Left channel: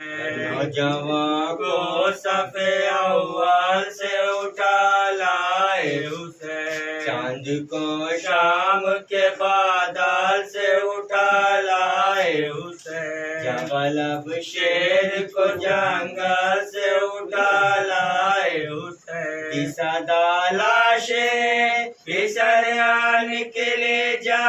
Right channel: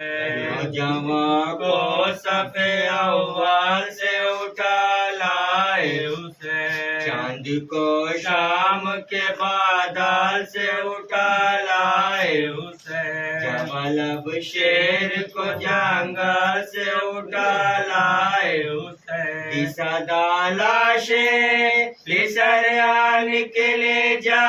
نوجواں کو صفِ اول سے اٹھا لائے حسین، چاند کو شام کے بادال سے اٹھا لائے حسین، جبل اب شیر کو جنگل سے اٹھا لائے حسین، صدا لاشیں پسریا نکلے جا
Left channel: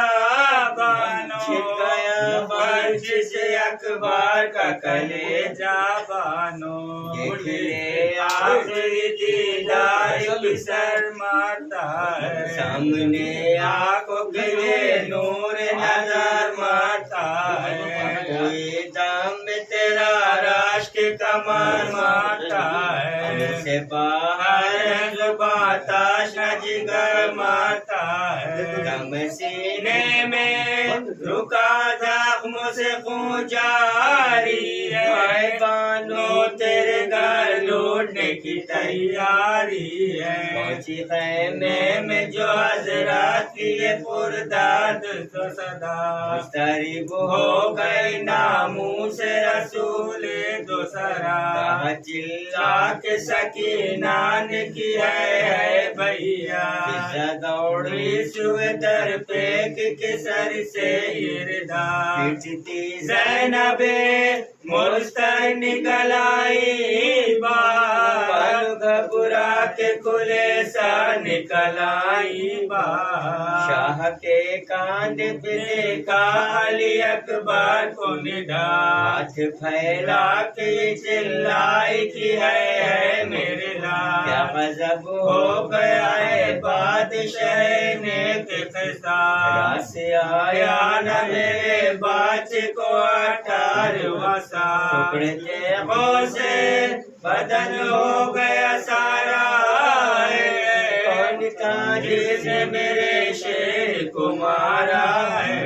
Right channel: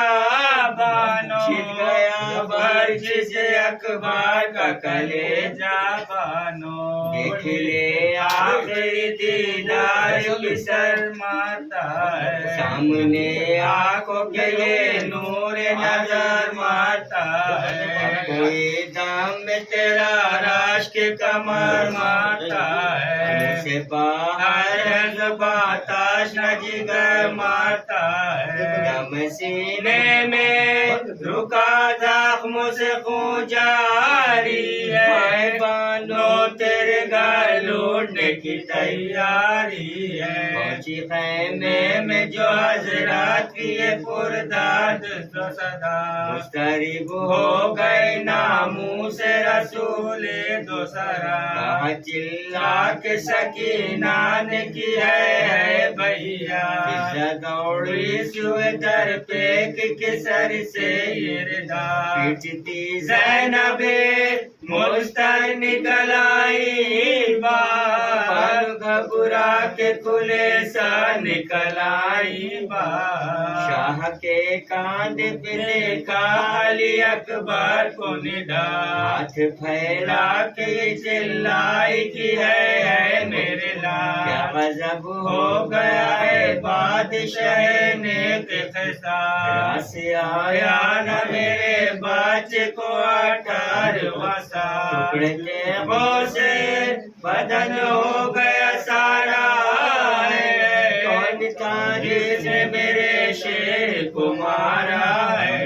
بانو، چھٹ گیا برج سے اکبر کا کلیجہ بانو، دیکھ لے آخری دیدار پسر مارتا ہے، سامنے آنکھوں کے یہ نور نظر مارتا ہے، کوئی دم میں تیرا رشک کمر مارتا ہے، منہ سے باہر ہے زباں تاشنا جگر مارتا ہے، دم سینے میں رکا زخموں سے خون جاری ہے، مائیں بانو تیرے گھر لوٹنے کی تیاری ہے، پہنچی خیمے میں جو حضرات کی یہ پردرد تو صدا، مضطرب ہو گئی ناموس رسول دوسرا، کہا چلا کے سکینہ نے کی ہے بھیا، فضا دوڑی سوئے در پیک کے سر سے اردا، پیٹتی زینب مستر نکل آئی بار، پر گھبرا کے کھلے سا نکل آئی بار، شاہ کے کاندھے پہ دیکھا علی اکبر کو ندا، ہاتھ پھیلا کے چلائی کی ہے میرے لال، کیا غضب ہو گیا ہے بادشاہ نیک خصال، راس آیا نہ میرے بچے کو 18واں سال، ٹکڑے تیغوں سے بدن ہو گیا سارا، کون تھا جس نے میرے شیر کو مارا ہے،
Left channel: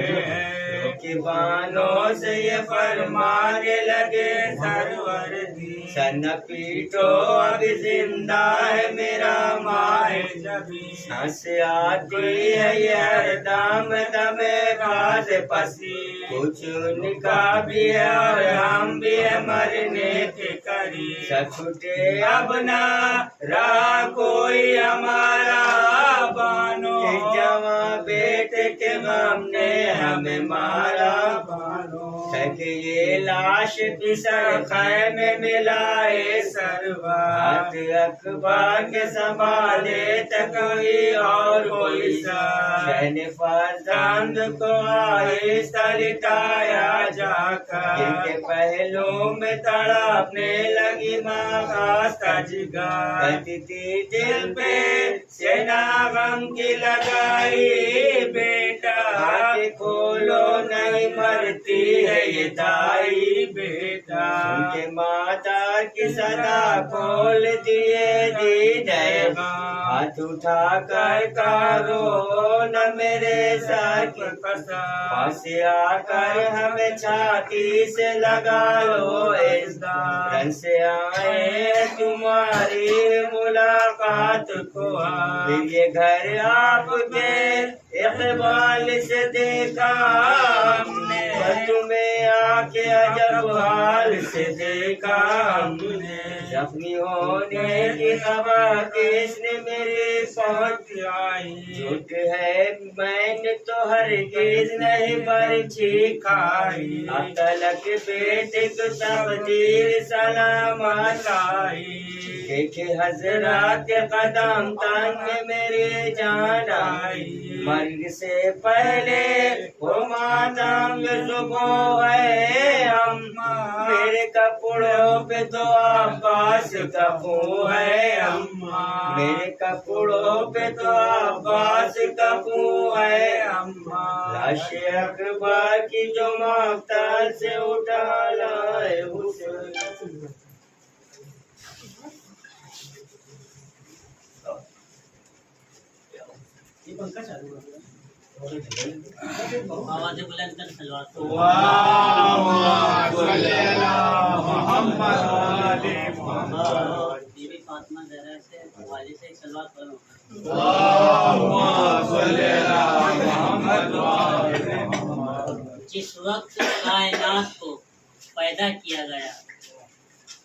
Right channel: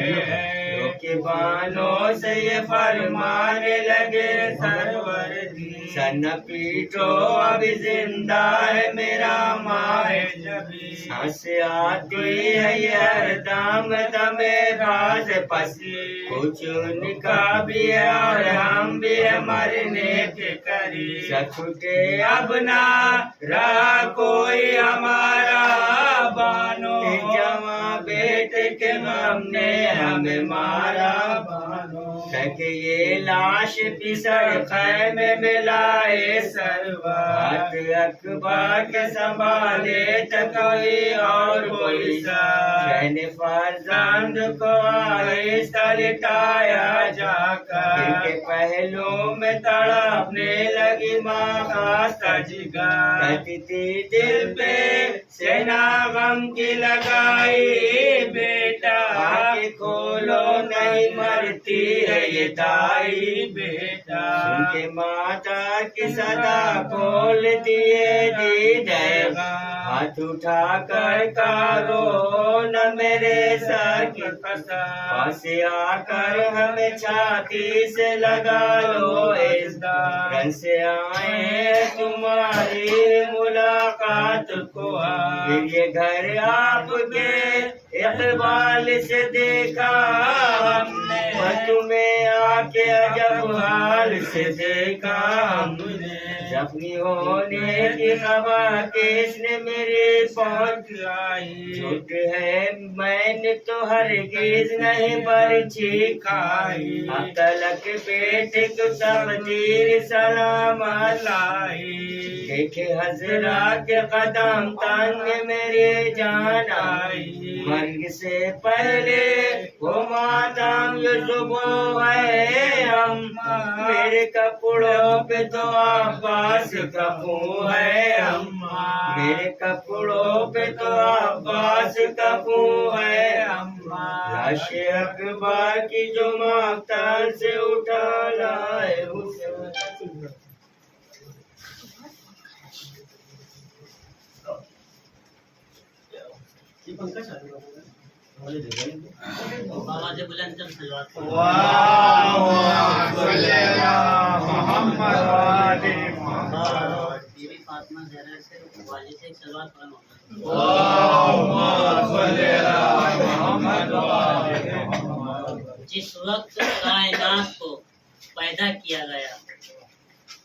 کے بانوں سے یہ فرمانے لگے سرور دی، سر نہ پیٹو ابھی زندہ ہے میرا ماہ جبی، سانس آتی ہے یہ ہر دم دم باز پسی، کچھ ان کا بھی ہے اور ہم بھی ہے مرنے کے قریب، سب چھوٹے اب نہ رہا کوئی ہمارا بانو، جوان بیٹے کے غم نے ہمیں مارا بانو، کہ یہ لاش پسر خیمے میں لائے سروار، اکبر کے سنبھالے تو کوئی اور کوئی سا، شہن فرزند کو آہستہ لٹایا جا کر، ان کے پہلو میں تڑپنے لگی ماں خاستہ جگر، کہتی تھی دل پہ سینا غم کی لگائی بیٹا، آنکھیں کھولو نہیں مرتی ہے یہ دائی بیٹا، سن کے ماتا کی صدا کھول دیے دیدے غم، ہاتھ اٹھا کر کارو نہ میرے سر کی قسم، پاس آ کر ہمیں چھاتی سے لگا لو ازدار، رن سے آئے تمہاری ملاقات کو، پھر یہ گھر آپ کے اقبال سے دیکھا ہم نے، تمہیں آ کے عجب حال سے دیکھا ہم نے، زخمی ہونے کی خبر کس نے میرے پہنچائی، جھوٹ ہے میں نے تو ہرگز نہیں برچھی کھائی، اب تلک بیٹے کو تقدیر سلامت لائی، دیکھے حضرات کے قدم تن میں میری جان آئی، مرگ سے پہلے وہ ماتم صبح ہے اماں، میرے کپڑوں پہ تو عباس کا خون ہے اماں، میرے کپڑوں پہ تو عباس کا خون ہے اماں، لاش اکبر کی جو مقتل سے اٹھا لائے حسین، آواز بلند کر صلوات بی بی فاطمہ زہرا سے والد سے صلوات پڑھو، جس وقت کائنات کو پیدا کیا گیا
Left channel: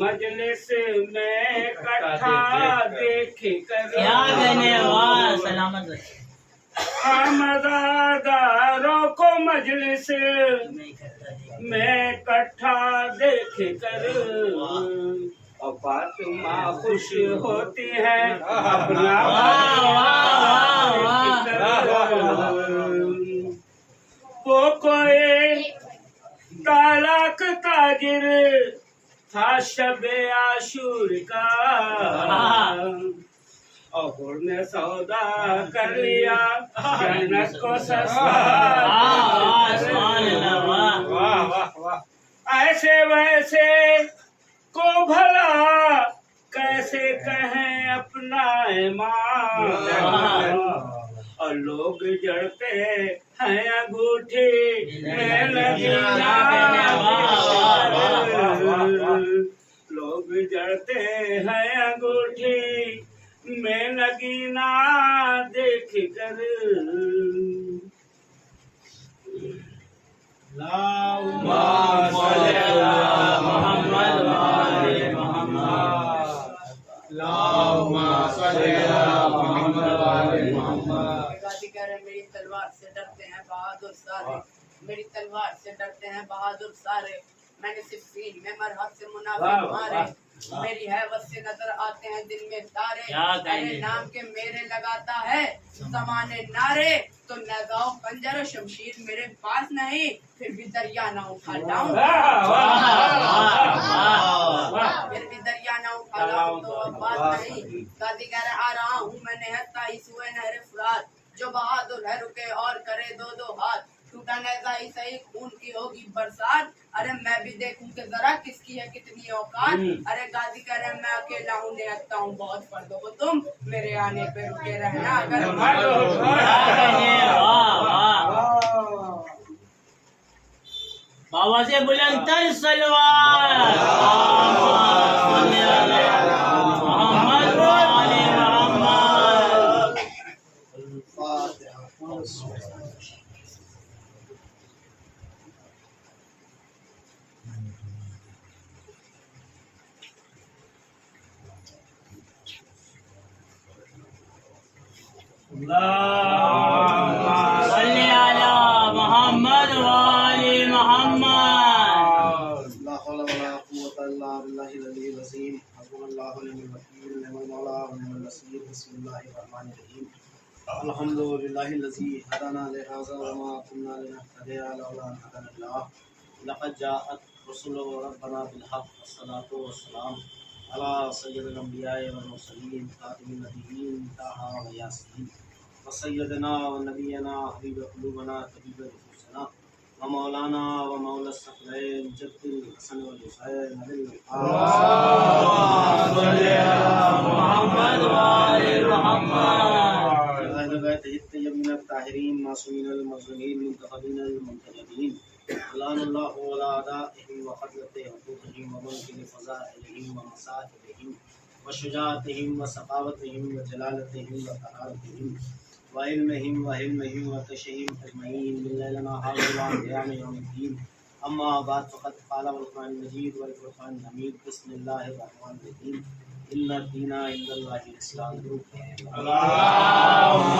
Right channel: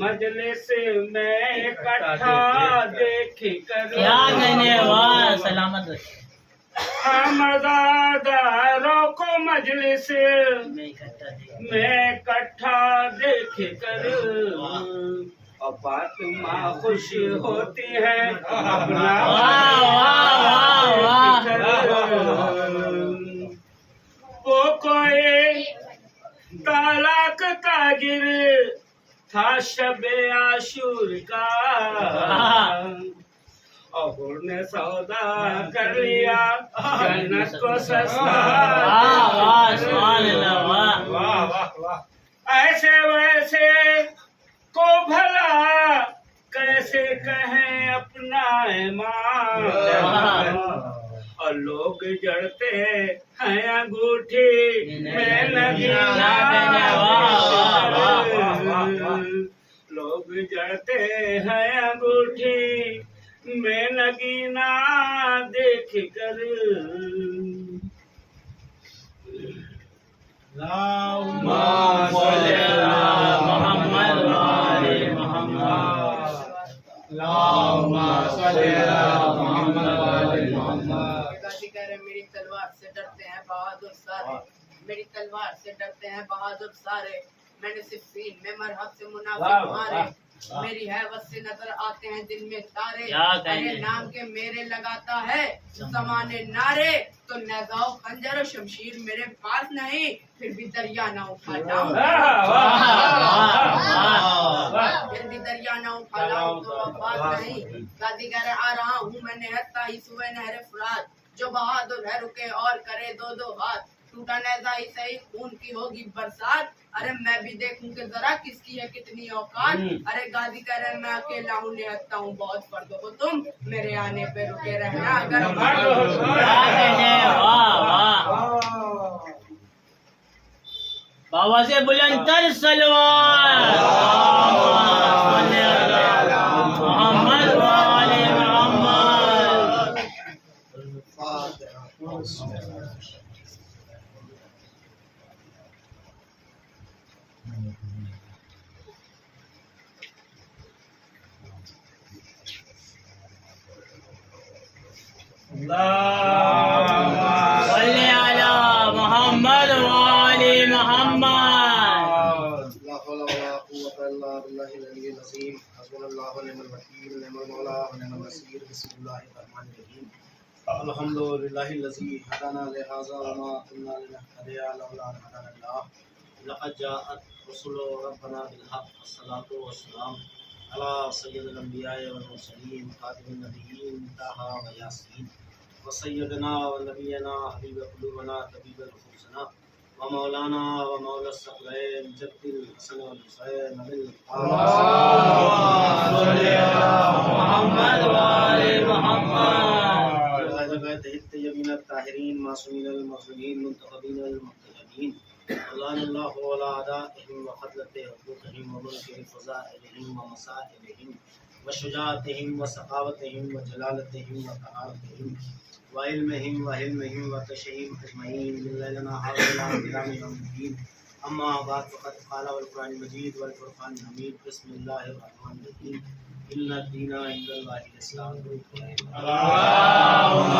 مجلس میں اکٹھا دیکھ کر کیا کہنے واہ سلامت رکھے آمداداروں کو مجلس میں اکٹھا دیکھ میں اکٹھا دیکھ کر اور فاطمہ خوش ہوتی ہے اپنا دیکھ کر وہ کوئی طلاق تاجر تھا شب عاشور کا اور نے سودا کر لیا جنت کو سستا سبحان اللہ واہ ایسے ویسے کو بھلا کیسے کہیں اپنا ایمان اور لوگ جڑتے ہیں انگوٹھی میں نگینا لوگ جڑتے ہیں انگوٹھی میں نگینا دیکھ کر اللهم صل على محمد وآل محمد اللهم صل على محمد وآل محمد میری تلوار سے ڈرتے ہیں بہادر سارے میری تلوار سے ڈرتے ہیں بہادر سارے میں نے صفین میں مرحب سے منافق مارے میری حیبت سے نظر آتے ہیں دن میں تارے ارے نام کے میرے لگاتا ہے زمانے نعرے تو نیزہ و خنجر و شمشیر میرے پاس نہیں پھر بھی دریا نہ اٹھا لاؤں پھر بھی دریا نہ اٹھا لاؤں تو اب بات نہیں غازی کہہ رہے آ رہا ہوں میں نہتا ہی سوئے نہر فرات جو بہادر ہے رکے اور کرے دو دو ہاتھ ٹوٹا نیزہ ہی صحیح خون کی ہوگی برسات ارے میں بھی دیکھوں کہ ذرا کس کی ہے کتنی اوقات ارے غازی کہہ رہے میں اکیلا ہوں نہتا ہوں بہت فرد ہو تم میرے آنے پہ رکے رہنا اگر بابا سے بلند تر سلوار محمد وآل محمد صلی علی محمد وآل محمد لا حول ولا قوة إلا بالله العلي العظيم حسبنا الله ونعم الوكيل نعم المولى ونعم النصير بسم الله الرحمن الرحيم الحمد لله الذي هدانا لهذا وما كنا لنهتدي لولا أن هدانا الله لقد جاءت رسل ربنا بالحق والصلاة والسلام على سيد الأنبياء والمرسلين خاتم النبيين طه وياسين وسيدنا ونبينا حبيب قلوبنا طبيب نفوسنا ومولانا ومولى الثقلين جد الحسن والحسين محمد وآل محمد الطيبين الطاهرين معصومين المظلومين منتخبين المنتجبين اللهم الله ولا أعدائهم وقتلة حقوقهم ومنكر فضائلهم ومسائلهم وشجاعتهم وسخاوتهم وجلالتهم وطهارتهم وعلمهم وحلمهم وتشهيم أجمعين من ليلنا هذا قيام يوم الدين أما بعد فقد قال والقرآن المجيد والفرقان الحميد بسم الله الرحمن الرحيم إن الدين عند الله الإسلام اللهم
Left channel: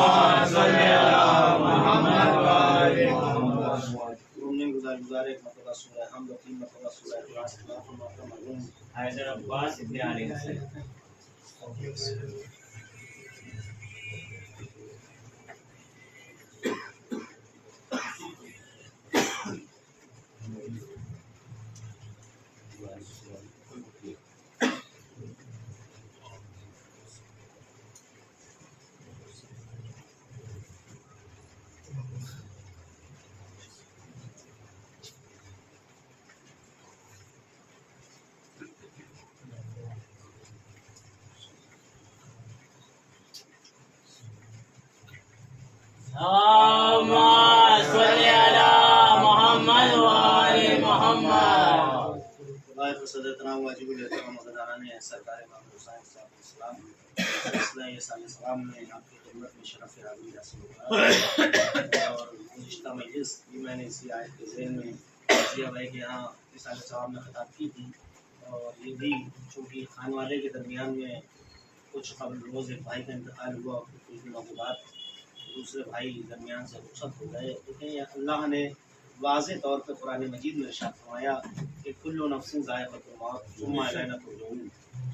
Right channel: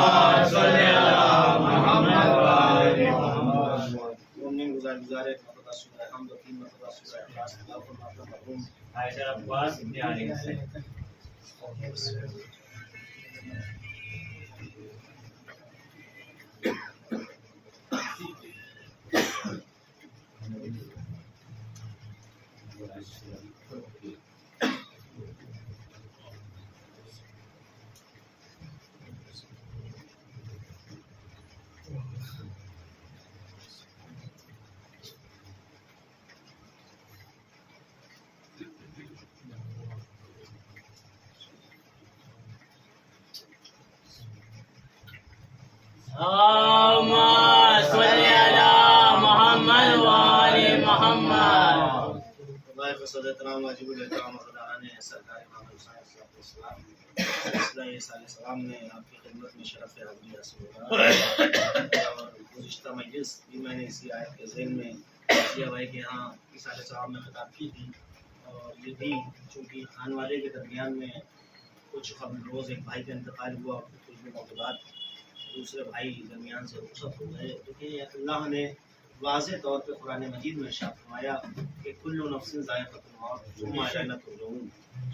صل على محمد وآل محمد مومن گزارے مرتبہ سورہ حمد و تین مرتبہ سورہ اخلاص اللہ کو معاف مرحوم حیدر عباس ابن علی حسین اللهم صل على محمد وآل محمد خدائے قصد احترام واجب الاحترام غداران سرکار امام حسین صاحب السلام سلسلہ سال سلام میں آپ کی خدمت میں شرف حاضری حاصل ہوگا اور گزشتہ مجلس بھی میں نے اسی آیت کے ذہن میں کیا بھائی کہ ہاں اس سال سلام میں خطاب کی تھی اور یہ بھی چونکہ خان والے کے درمیان میں کچھ قبل روز ایک بھائی کا انتقال ہوا اور کچھ دنوں کے بعد دوسرے بھائی درمیان سے رخصت ہو گئے، لیکن اللہ نے واضح طور پہ قرآن مجید میں ارشاد فرمایا کہ کل نفس ذائقۃ الموت ثم الینا ترجعون۔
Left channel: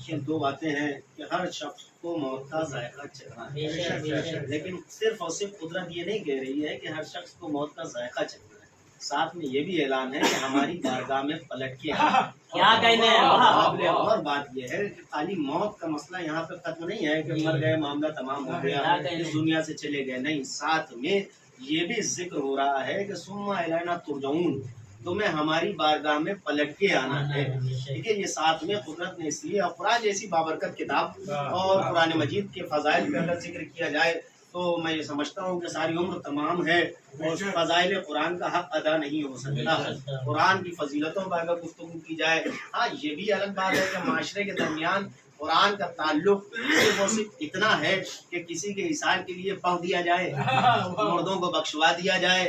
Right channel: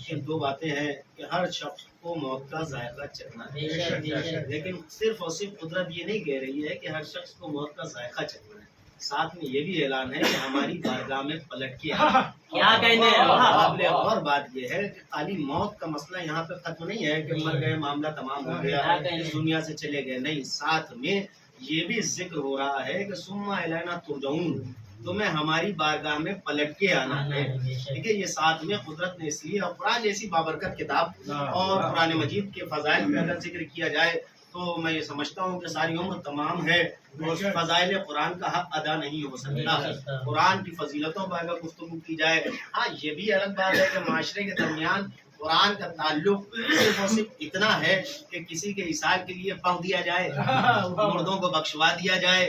یہ دو باتیں ہیں کہ ہر شخص کو موت کا ذائقہ چکھنا ہے، لیکن صرف اور صرف قدرت یہ نہیں کہہ رہی ہے کہ ہر شخص کو موت کا ذائقہ چکھنا ہے، ساتھ میں یہ بھی اعلان ہے کہ ہماری بارگاہ میں پلٹ کے کیا کہنے قابل اور بات یہ ہے کہ خالی موت کا مسئلہ یہاں پہ ختم نہیں ہے کہ مر گئے معاملہ تمام ہو گیا اس دنیا سے چلے گئے، نہیں، ساتھ میں یہ بھی ذکر ہو رہا ہے کہ ثم الینا ترجعون، تمہیں ہماری بارگاہ میں پلٹ کے آنا ہے۔ ٹھیک ہے، یہ ساتھ میں قدرت نے اس لیے، اور قرآن جیسی بابرکت کتاب اور قرآن مجید کے فضائل پہ اگر ذکر کیا جائے تو میں یہ سمجھتا ہوں کہ ساری عمر تمام ہے اور فضائل قرآن کا حق ادا نہیں ہو سکتا۔ قرآن کی فضیلتوں پر اگر گفتگو کی جائے، ہاں یہ بھی الگ بات ہے کہ معاشرے کے درمیان قرآن کا تعلق صرف اور صرف اتنا ہے کہ کسی کے حصار کے لیے پاؤں دیا جائے، مردوں کو بخشوا دیا جائے،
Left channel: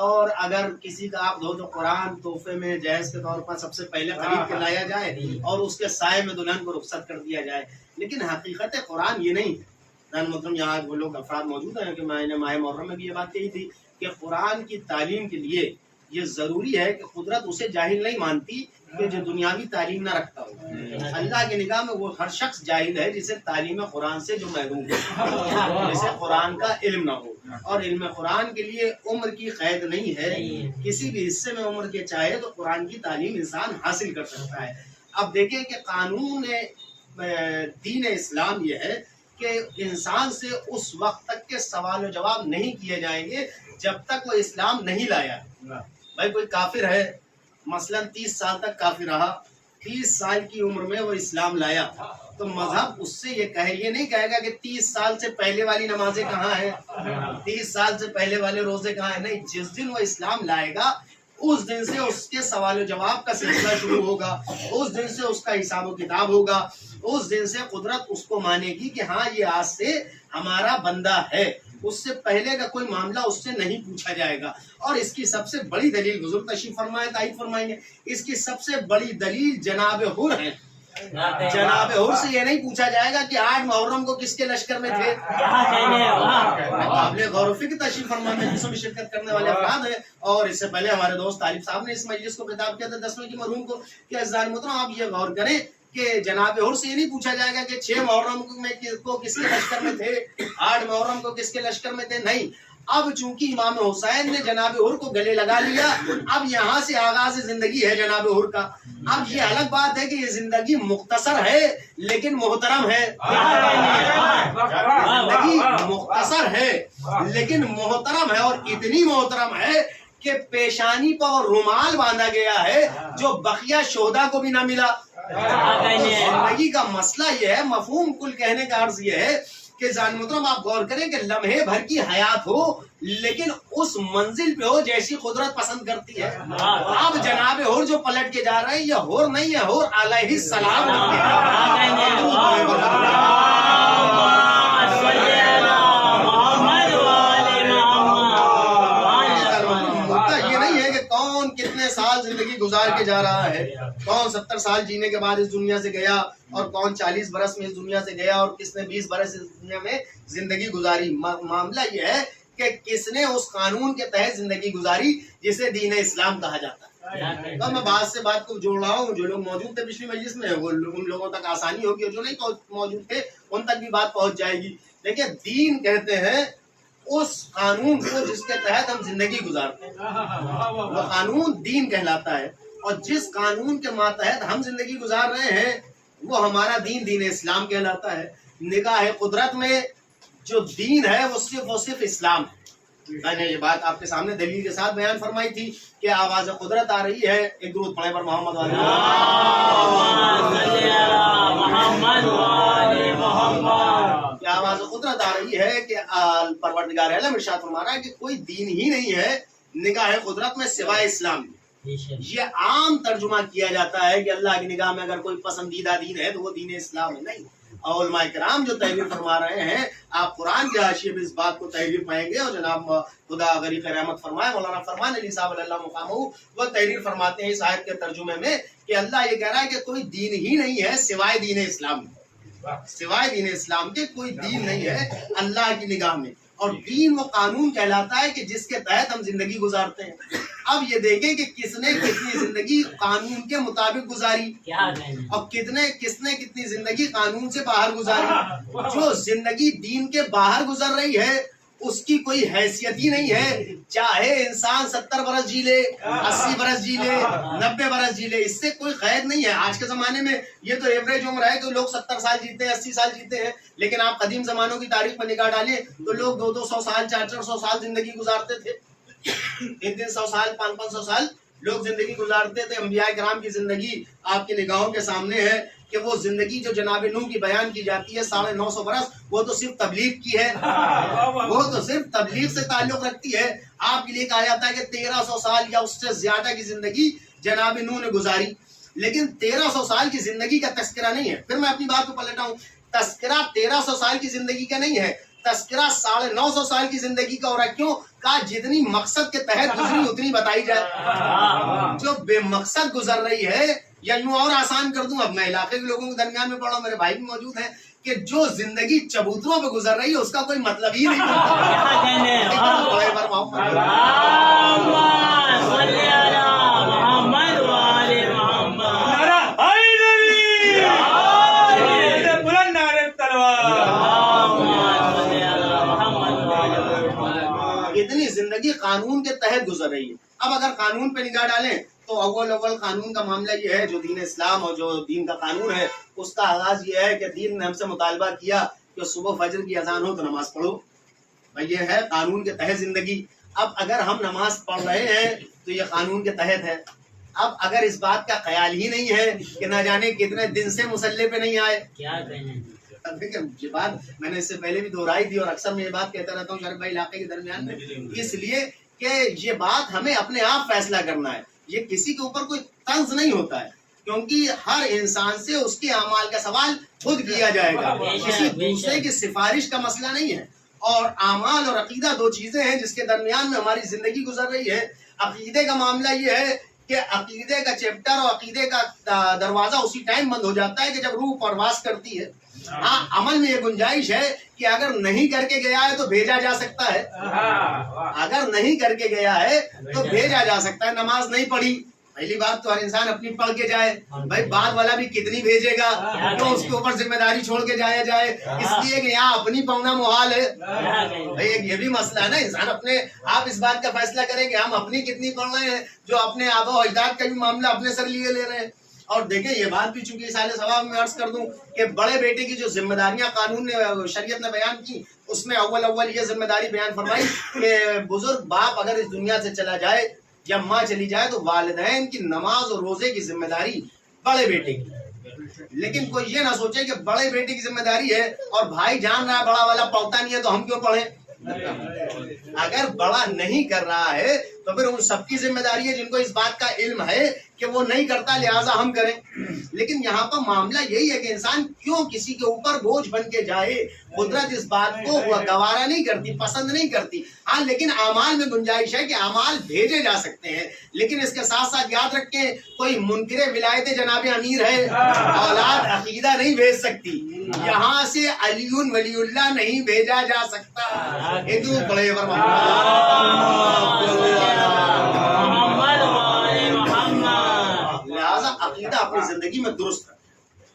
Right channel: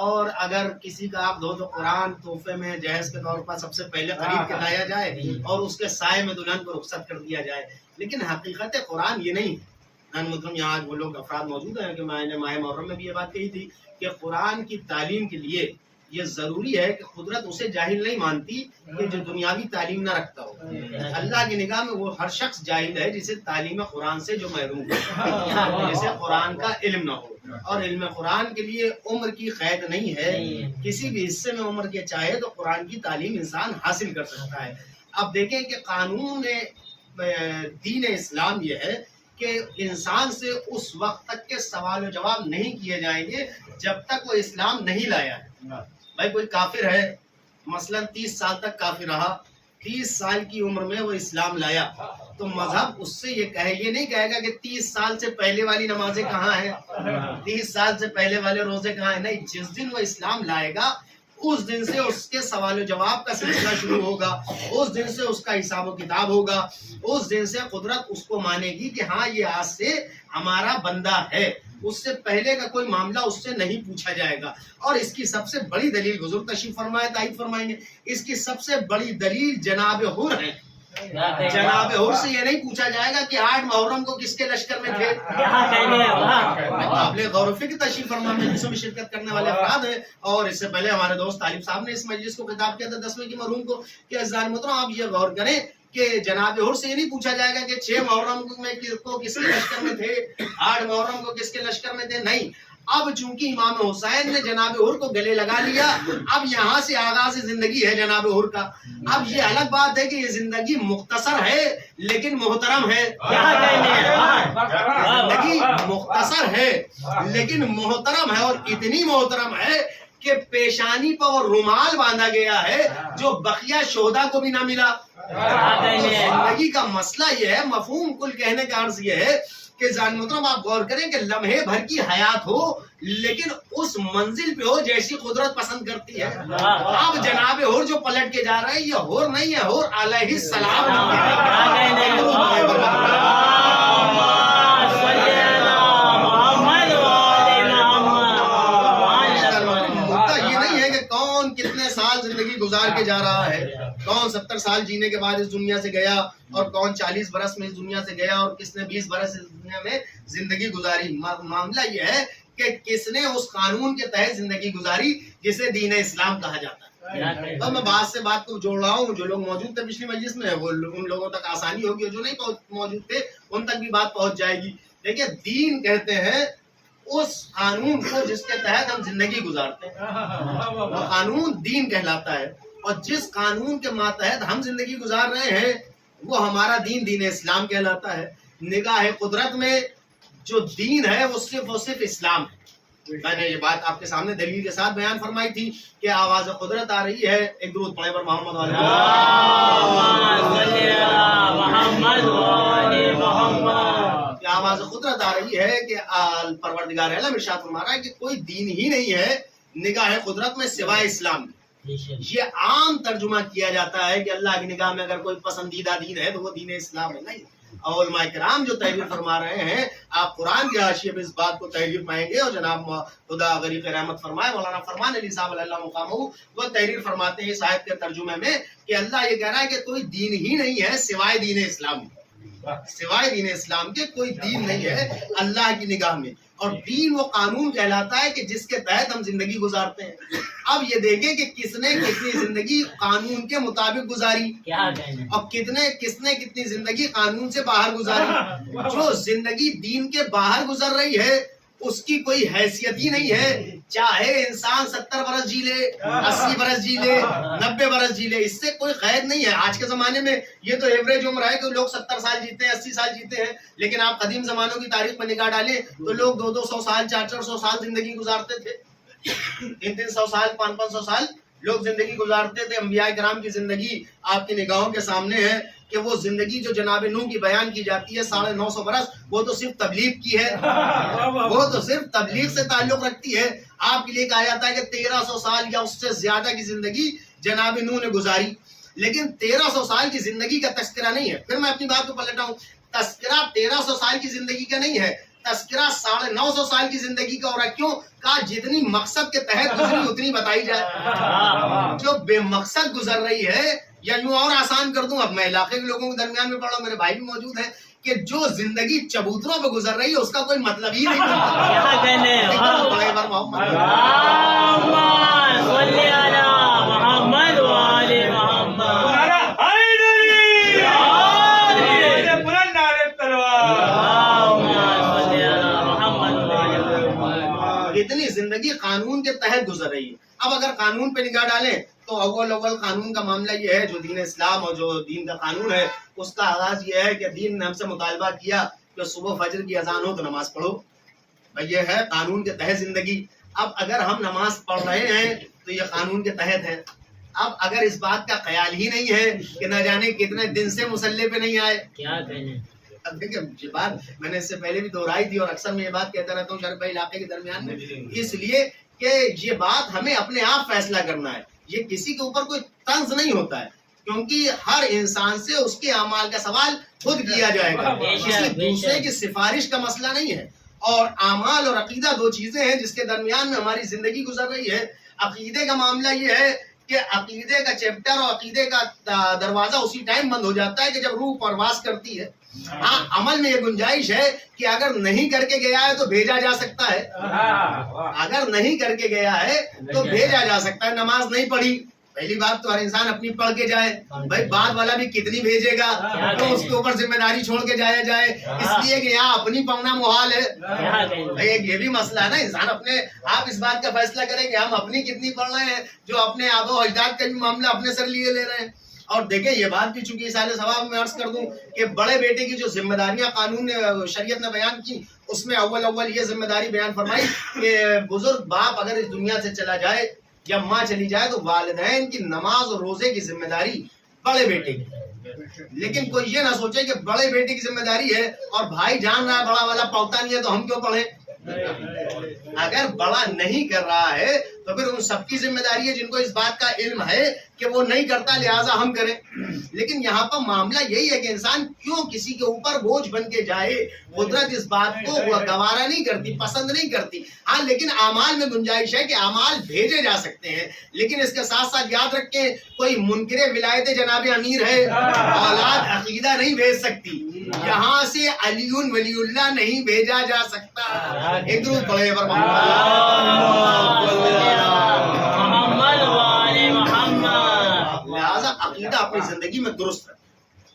اور اگر کسی کا عقد ہو تو قرآن تحفے میں جہیز کے طور پر سب سے پہلے خرید کے لایا جائے اور اس کے سائے میں دلہن کو رخصت کر دیا جائے، لیکن حقیقت قرآن یہ نہیں ہے۔ محترم یہاں آج وہ لوگ افراد موجود ہیں کہ میں نے ماہ محرم میں بھی یہ بات کہی تھی کہ قرآن کی تعلیم کے لیے یہ ضروری ہے کہ قدرت اسے جاہل نہیں مانتی کہ جو دنیاوی تعلیم نہ رکھتا ہو، اللہ کی نگاہ میں وہ ہر شخص جاہل ہے جسے تعلیم قرآن سے جو محروم ہے، جسے قرآن کا علم نہ ہو، اور علم قرآن کے لیے عمر کی قید نہیں ہے، کسی بھی حصے میں عمر کے چاہے تو قرآن کی تعلیم انسان حاصل کر سکتا ہے۔ اب دیکھیں کہ قانون دین اسلام یہ ہے کہ انسان سے اس وقت تک کے سوال و جواب نہیں کیے جائیں گے جب تک وہ اسلام نہیں لایا ہے۔ بھائی کوئی کافر ہے، مثلا 30 سال تک کافر رہا، 30 سال کی عمر میں وہ اسلام لایا، تو مذہب اس سے یہ نہیں کہے گا کہ 30 سال سے پہلے والی نمازیں کہاں ہیں، 30 سال سے پہلے والے روزے کہاں ہیں، نہیں، جس دن وہ اسلام لائے گا اس دن سے اس کے سوال و جواب کا سلسلہ شروع ہوگا، اس دن سے اس کا حساب و کتاب ہوگا، اس دن سے قدرت اس کو مانے گی کہ ہاں یہ آج سے ہمارا بندہ ہے، اس سے پہلے کا کوئی معاملہ اس سے نہیں پوچھا جائے گا۔ اور اس کی سب سے بڑی دلیل، حضور تشریف فرمائے تائید فرمائیں گے، اس کی سب سے بڑی دلیل جناب حر ہے۔ جناب حر سے یہ نہیں پوچھا جائے گا کہ 8 محرم کو کس کے لشکر میں تھے۔ قابل غور و فکر تشریف فرما مجلسوں میں شرکت کرنے والے افراد ہیں، اور اس سے پہلے ہمارے دوست طالب صاحب نے اس مجلس کو خطاب کیا تھا 10ویں کی مرحوم کو کہ عزیزان محترم آپ یہ غور کریں کہ جناب حر سے یہ نہیں پوچھا جائے گا کہ 6 محرم کو کس کے لشکر میں تھے، 8 محرم کو کس کے لشکر میں تھے، نہیں۔ اب چونکہ امام حسین نے جناب حر کو گلے لگا لیا، اب یہاں سے آغاز زندگی ہے جناب حر کا۔ اب یہ الگ بات ہے کہ یہ زندگی مختصر ہے لیکن محترم ہے، زندگی مختصر ہے لیکن محترم ہے، اور اتنی محترم ہے کہ پیشانی پر رومال باندھا گیا ہے جو بقیہ شہداء کو بھی نہ ملا۔ تو زندگی کا مسئلہ یہ ہے، مفہوم کل کہنے کا عرض یہ ہے کہ جان محترم آپ غور کریں کہ لمحے بھر کی حیات ہو لیکن اس منزل پہ ہو جیسی قدرت پسند کرتی ہے۔ اب جناب حر جو پلٹ کے جا رہے ہیں یہ حر نہیں ہے، حر علیہ السلام۔ یہ نہیں ہے کہ کون کتنے سال زندگی گزار کے جا رہا ہے، کون 70 سال جینے کے بعد اس دنیا سے گیا اور کون 40 برس میں اس دنیا سے گیا اور کس نے 20 برس اس دنیا میں زندگی گزاری۔ معاملہ یہ ہے کہ کس نے اس قانون کے تحت زندگی گزاری جسے دین اسلام کہا جاتا ہے۔ تو میں بات سے بات کو جوڑ رہا ہوں، جو لوگ موجود تھے پچھلی مجلس میں وہ ان لوگوں تک آسانی ہوگی، اور جو نہیں موجود تھے ان تک بھی بات پہنچ جائے گی۔ دیکھیے دین کہتے ہیں اس قانون کو جس کے تحت ہم زندگی گزارتے ہیں، وہ قانون دین کہلاتا ہے، اور جس قانون کے ماتحت ہم زندگی گزار رہے ہیں وہ ہمارا دین دین اسلام کہلاتا ہے۔ نگاہ قدرت میں جو دین ہے وہ صرف اسلام ہے۔ میں نے یہ بات آپ کے سامنے دلیل کے ساتھ بیان فرمائی تھی کہ آواز قدرت آ رہی ہے، ایک درود پڑھیں پر محمد والے کہ آواز قدرت آ رہی ہے کہ پروردگار عالم ارشاد فرما رہا ہے کہ کوئی دین ہی نہیں ہے نگاہ قدرت میں سوائے اسلام۔ یہ عام ترجمہ کیا جاتا ہے کہ اللہ کی نگاہ میں اگر کوئی پسندیدہ دین ہے تو وہ دین اسلام ہے. نہیں، علماء کرام جو تحریر فرما رہے ہیں، آپ قرآن کے حاشیے میں اس بات کو تحریر پائیں گے، اور جناب خدا غریق رحمت فرمائے مولانا فرمان علی صاحب اللہ مقامہ، وہ تحریر فرماتے ہیں اس آیت کے ترجمے میں کہ اللہ یہ کہہ رہا ہے کہ کوئی دین ہی نہیں ہے سوائے دین اسلام، سوائے دین اسلام کے کوئی دین نہیں ہے اللہ کی نگاہ میں. اور دین وہ قانون کہلاتا ہے کہ جس کے تحت ہم زندگی گزارتے ہیں. اب یہ دیکھیں کہ کس نے کتنی زندگی قانون کے مطابق گزاری اور کس نے کتنی زندگی قانون سے باہر گزاری. جو زندگی دین کے باہر گزر رہی ہے اس کی کوئی حیثیت ہی نہیں ہے، چاہے انسان 70 برس جی لے، 80 برس جی لے، 90 برس جی لے، اس سے کوئی قید نہیں ہے. آج کے زمانے میں یہ تو ایوریج عمر ہے کہ لوگ 70 سال جیتے ہیں، 80 سال جیتے ہیں، لیکن آپ قدیم زمانوں کی تاریخ پر نگاہ ڈالیں تو لوگ 200 سال 400 سال زندگی گزارتے تھے، 300 سال 500 سال لوگ زندگی گزارتے تھے. انبیاء کرام کی زندگی آپ کی نگاہوں کے سامنے ہے کہ وہ زندگی جو جناب نوح کی بیان کی جاتی ہے 950 برس، وہ تو صرف تبلیغ کی ہے، وہ تو صرف تبلیغ سے تعلق رکھتی ہے. آپ کے لیے کہا جاتا ہے کہ 1300 سال یا اس سے زیادہ کی زندگی جناب نوح نے گزاری، لیکن 1300 سال کی زندگی کا تذکرہ نہیں ہے. پھر میں اپنی بات کو پلٹا ہوں، تذکرہ 1300 سال کی زندگی کا نہیں ہے، تذکرہ 950 سال کی زندگی کا. اور کیوں کہا؟ جتنی مقصد کے تحت گزری اتنی بتائی جائے. جو بے مقصد گزر رہی ہے، یا یوں اور آسان کر دوں، اب میں علاقے کے لوگوں کے درمیان میں پڑھا ہوں، میرے بھائی بھی موجود ہیں، کہ جو زندگی چبوتروں پہ گزر رہی ہے اس کا کوئی مطلب ہی نہیں اتنی زندگی قانون کے تحت گزر رہی ہے. اب اگر قانون پہ نگاہ ڈالیں تو اول قانون کا معاملہ یہ ہے، جو دین اسلام اور جو دین کا قانون ہے اس کا آغاز یہ ہے کہ دین نے ہم سے مطالبہ کیا کہ صبح فجر کی اذان ہو تو نماز پڑھو. بھائی یہ ہے قانون کے تحت زندگی. اب اگر ہم نماز پڑھ رہے ہیں تو یہ قانون کے تحت ہے. اب اگر اس بات کا خیال ہی نہیں ہے کہ نہ جانے کتنے دن سے مصلی پہ نہیں آئے، دیکھیں یہ بات میں نے اس سے پہلے بھی دہرائی تھی اور اکثر میں یہ بات کہتا رہتا ہوں شریف بھائی علاقے کے درمیان میں، اس لیے کہ یہ بات ہمیں اپنے آپ فیصلہ کرنا ہے. یہ کسی کے اوپر کوئی طنز نہیں ہوتا ہے، کیونکہ ہر انسان سے اس کے اعمال کا سوال خود کیا جائے گا، کسی دوسرے کی سفارش کا مسئلہ نہیں ہے. اور اعمال اور عقیدہ دو چیزیں ہیں جس کے درمیان میں ہماری زندگی گزر رہی ہے. عقیدے کا معاملہ یہ ہے کہ عقیدے کا چیپٹر اور عقیدے کا دروازہ اسی ٹائم بند ہو جاتا ہے کہ جب روح پرواز کرتی ہے. ہاں عمل میں یہ گنجائش ہے کہ اگر نہیں کر کے گیا ہے تو بھیجا جا سکتا ہے، اگر نہیں کر کے گیا ہے تو بھیجا جا سکتا ہے. نماز نہیں پڑھی، پہلی بات تو ہر انسان اپنی پڑھ کے جائے، بھائی بعد والا بھی کتنی بھیجے گا، تو اس کے اوپر ذمہ داری چھوڑ کے جایا جائے، اس لیے کہ یہاں اپنی پڑھنا محال ہے. بھائی یہ بھی مسئلہ ہے نا، انسان اپنے آپ اس بات کا فیصلہ کرے کہ ہم اپنی کتنی پڑھ رہے ہیں، جو اپنے آبا و اجداد کا بھی معاملہ اپنے سر لیے لے رہے ہیں. اور دیکھیں یہ بات بھی چونکہ سال ثواب میں عرض کر دوں کہ بڑے بیٹے کی جو ذمہ داریاں قانون نے شریعت نے بیان کی، اس میں اول یہ ذمہ داری بیان فرمائی کہ بزرگ باپ اگر اس دنیا سے چلا جائے یا ماں چلی جائے تو والدین کی نماز اور روزے کی ذمہ داری بڑے بیٹے کی. لیکن کوئی یہ نہ سوچے کہ بڑے بیٹے کی ذمہ داری ہے اور بھائی جان رہا ہے بڑا والا پڑھتا نہیں ہے تو ہم کیوں پڑھیں. اگر بڑا نہیں کر رہا ہے تو پھر ان سب کی ذمہ داری ہے جن کو اس بات کا علم ہے کہ وہ نہیں کرتا لہٰذا ہم کریں. لیکن یہاں پر معاملہ یہی ہے کہ انسان کیوں کسی کے اوپر بوجھ بن کے جائے. قدرت اس بات کو وہ گوارا نہیں کرتی، پسند نہیں کرتی. ہاں لیکن اعمال میں گنجائش ہے کہ اعمال بھیجے جا سکتے ہیں، لیکن اس کے ساتھ ساتھ یاد رکھیں کوئی منکر ولایت جناب امیر ہے، اولاد عقیدہ نہیں بھیج سکتی. یہاں سے علی ولی اللہ نہیں بھیجا جا سکتا. ایک درود پڑھے لہذا عقیدہ اپنی زندگی میں درست رکھیں،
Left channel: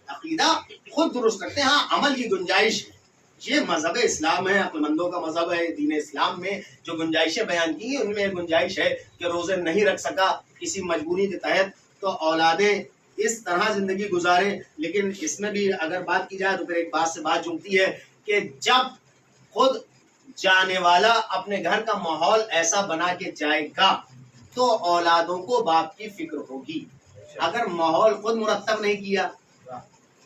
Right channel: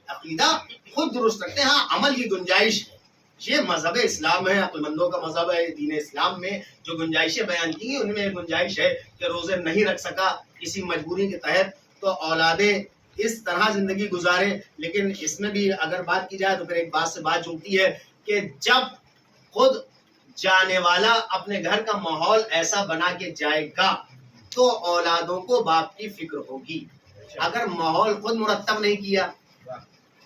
عقیدہ خود درست رکھتے ہیں. ہاں عمل کی گنجائش ہے، یہ مذہب اسلام ہے، عقل مندوں کا مذہب ہے. دین اسلام میں جو گنجائشیں بیان کی ہیں ان میں ایک گنجائش ہے کہ روزے نہیں رکھ سکا کسی مجبوری کے تحت تو اولادیں اس طرح زندگی گزاریں. لیکن اس میں بھی اگر بات کی جائے تو پھر ایک بات سے بات جمتی ہے کہ جب خود جانے والا اپنے گھر کا ماحول ایسا بنا کے جائے گا تو اولادوں کو باپ کی فکر ہوگی. اگر ماحول خود مرتب نہیں کیا